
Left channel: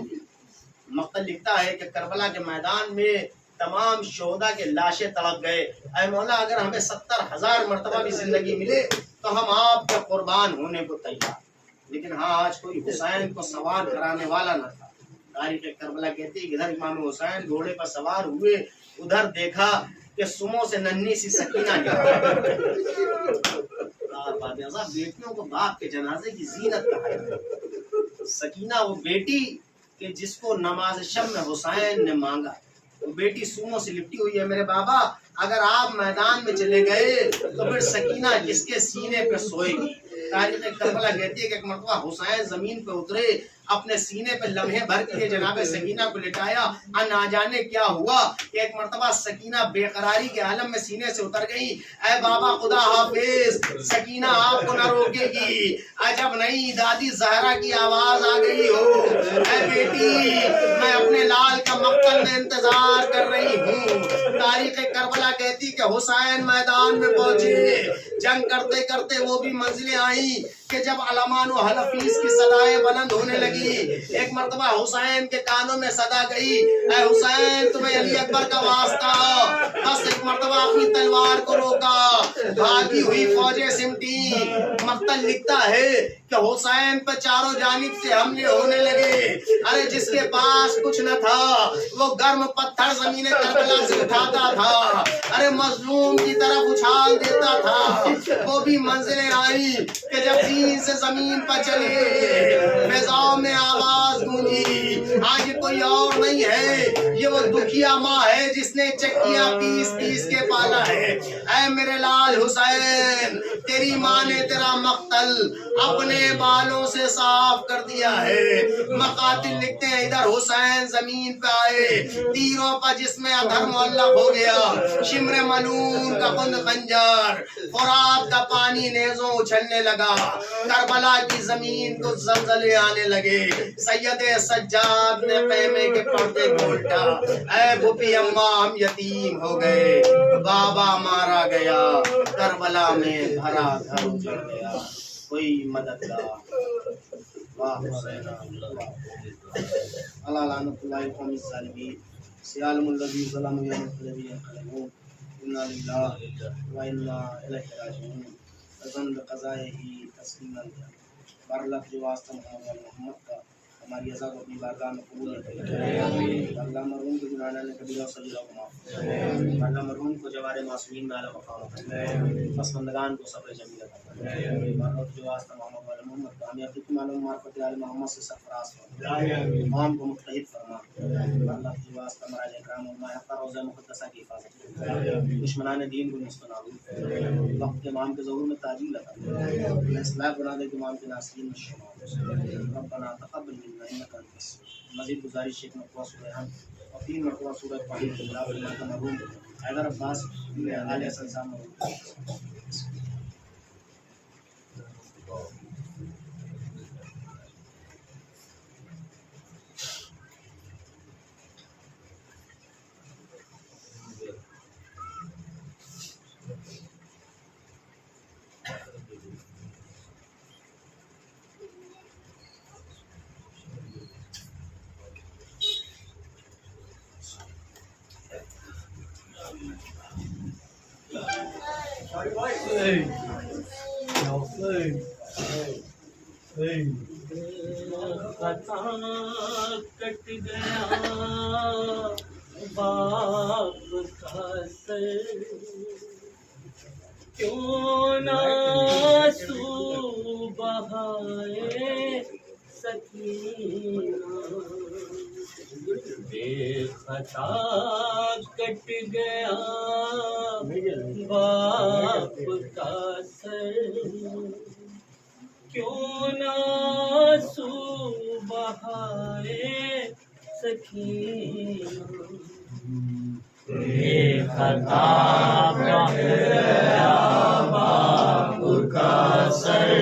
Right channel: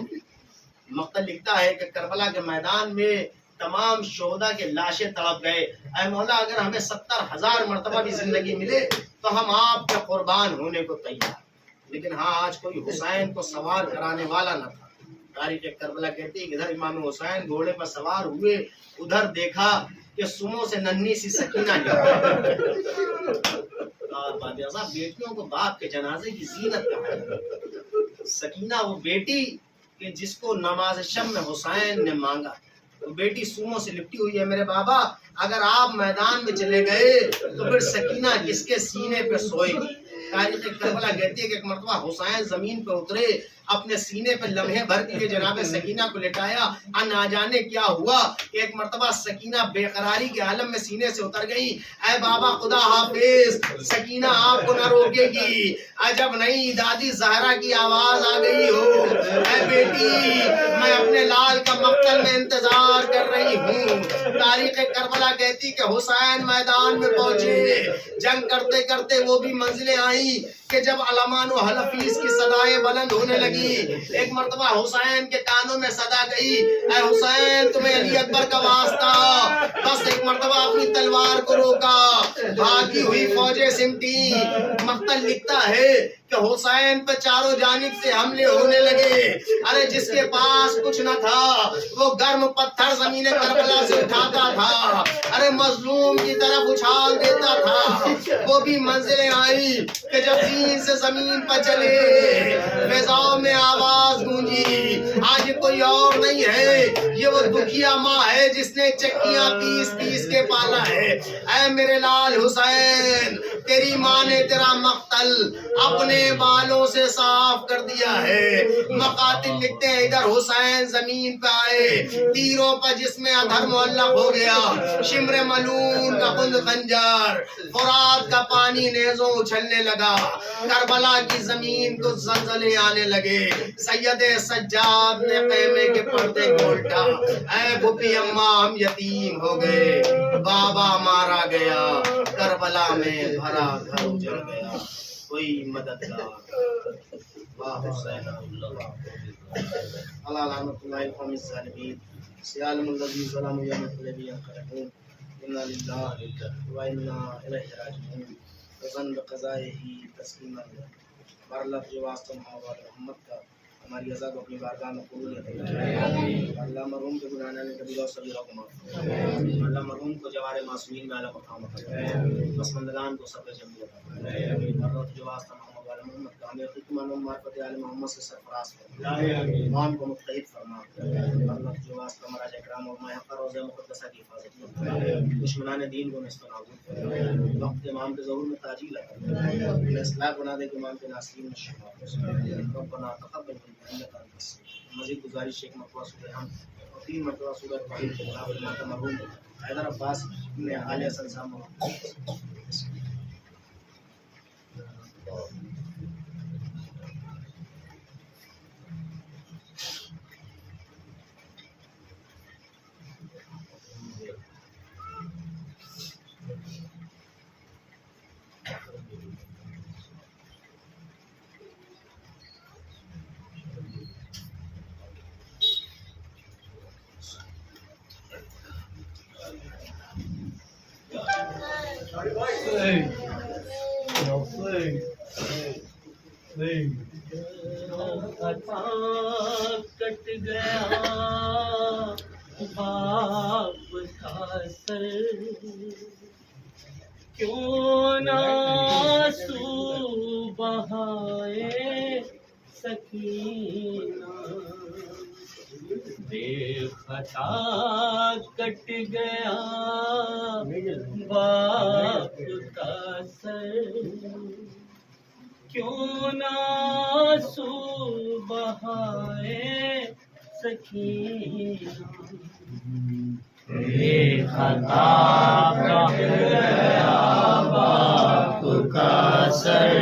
مقتل لکھتا ہے کہ کربلا کے میدان میں تمام شہداء کے لاشیں تڑپ گئے، اے مولا اگر ہمیں 70,000 مرتبہ بھی زندگی ملے تو ہم آپ کے قربان ہونے کو تیار، لیکن ہاں آج کوئی حسین کو سوار کرانے والا نہ تھا۔ تاریخ کربلا کہتی ہے کہ ادھر امام حسین گھوڑے پر سوار ہوئے، ادھر دیکھا کہ سمو سے ننھی سی سکینہ کیا بیٹیوں کو باپ کے جنازے کی زینت کہا ہے۔ سکینہ وہ بیٹی کہ جس کو نماز شب میں حسین نے مانگا، وہ بیٹی سوموں سے لپٹی ہوئی ہے۔ میرے بابا اگر آپ میدان میں چلے گئے تو پھر سکینہ کس کے سینے پہ سوئے گی؟ تاریخ کربلا کہتی ہے کہ ایک مرتبہ حسین زمین پہ اترے، اپنے سینے پہ لمحے بھر کے جناب سکینہ کو لٹایا، نہ جانے کیا ہوا کہ ایک مرتبہ سکینہ بے قراری کے عالم میں سینے سے اتر گئی۔ اے بابا خدا حافظ، سکینہ آپ کو نہ روکے گی، عجب نہیں دادی زہرا کی آواز آ گئی ہو، اے بیٹی میں اپنے لال کا مقتل میں انتظار کر رہی ہوں۔ تاریخ کربلا کہتی کہ حسین میدان میں پہنچے، جنگ کرتے کرتے وہ بھی منزلیں آئیں کہ جب علمان و حلفیز کی صدائیں بلند ہونے لگی، ایک مرتبہ حسین کے کانوں میں صدا گئی، اے حسین تمہیں علی اکبر کا واسطہ، بس ایک مرتبہ اپنی تلوار کو روکا، بھاگی ہوئی فوجیں سمٹی۔ مقتل لکھتا ہے کہ حسین پہ چاروں جانب سے حملے ہونے لگے، ارے جس کے پاس کچھ نہ تھا وہ گرم پتھر زمین کربلا سے اٹھاتا تھا، ارے مظلوم کی طرف اچھال دیتا تھا۔ وہ بھی منزلیں آئی کہ جب دین سے زمین پر چلے، فضاؤں میں آواز گونجی، آج کوئی اور نہیں ہے، یہ وہ دکھیا ماں ہے جس نے چکیاں پیس پیس کے پالا ہے۔ اے میرے لال حسین، تیری ماں نے تیرا مقتل اپنے بالوں سے صاف کر دیا ہے۔ مقاتل لکھتے ہیں ادھر حسین زمین پہ آئے، تیروں پر جس میں ادھر معلق ہو گیا، شمر ملون کا خند خنجر، فرات کا پانی نیزوں اچھلنے لگا، کربلا کی زمین کو زلزلے آنے لگے، سید سجاد نے خیمے کے پردے کو الٹا، اے بھوپی اماں ہم یتیم ہو گئے، بابا مارا گیا، کربلا میں بھرا گھر اجڑ گیا، کوئی مددگار۔ واہ حسین اللہ لعنت اللہ قوم الظالمین، سیالم الذی ظلم یوم القیامۃ ینقلبون، انا للہ و انا الیہ راجعون، اذن بقضائہ تسلیما۔ بارلف جو واسطہ محمد وال محمد کا ہماری عزا کو اپنی بارگاہ میں قبول کرے۔ اللہ مرحوم کے گناہوں نے کبیرہ و صغیرہ کو معاف فرمائے۔ اللہ مرحوم کو جوار معصومین میں اعلیٰ مقام فرمائے۔ پسماندگان کو صبر جمیل عطا فرمائے۔ بارلف جو واسطہ محمد وال محمد کا ہمیں حقیقی معنوں میں معرفت آل محمد سے سرفراز فرمائے۔ امام کو متحد فرما۔ بارلف جو واسطہ مراج اکرام اور ماہ حق روضہ مقدسہ کی حفاظت فرمائے۔ دشمنان دین کو نست و نابود فرمائے۔ وقت امام کے ظہور میں تاجیل عطا فرمائے۔ انہیں اصلاح بنا دے کہ امام کے ناصرین میں شمار ہو۔ ربنا تقبل منا انک انت السمیع۔ مزید گزارش ایک مرتبہ سورہ ہم اور 3 مرتبہ سورہ فاتحہ کے خلاف فرماتا مرحوم حیدر عباس عالیہ صاحب مرحوم۔ خطا کٹ گیا باپ کا سر، کیوں نہ آنسو بہائے سکینہ، بے خطا کٹ گیا باپ کا سر، کیوں نہ آنسو بہائے سکینہ، بے خطا کٹ گیا باپ کا سر،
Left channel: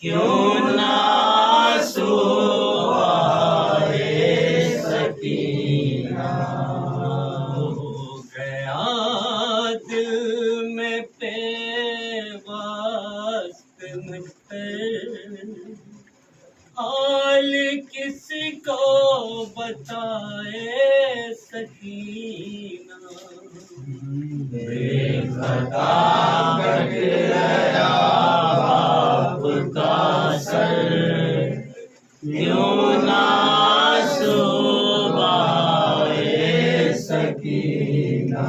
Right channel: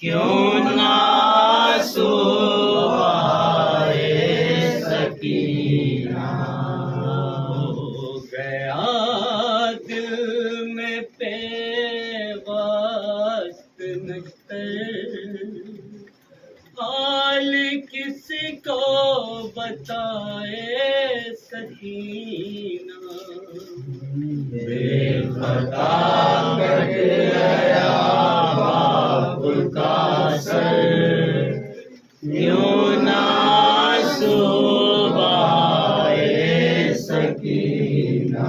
کیوں نہ آنسو بہائے سکینہ، ہو گیا دل میں پیغاست نشتر، حال کسی کو بتائے سکینہ، بے خطا کٹ گیا باپ کا سر، کیوں نہ آنسو بہائے سکینہ۔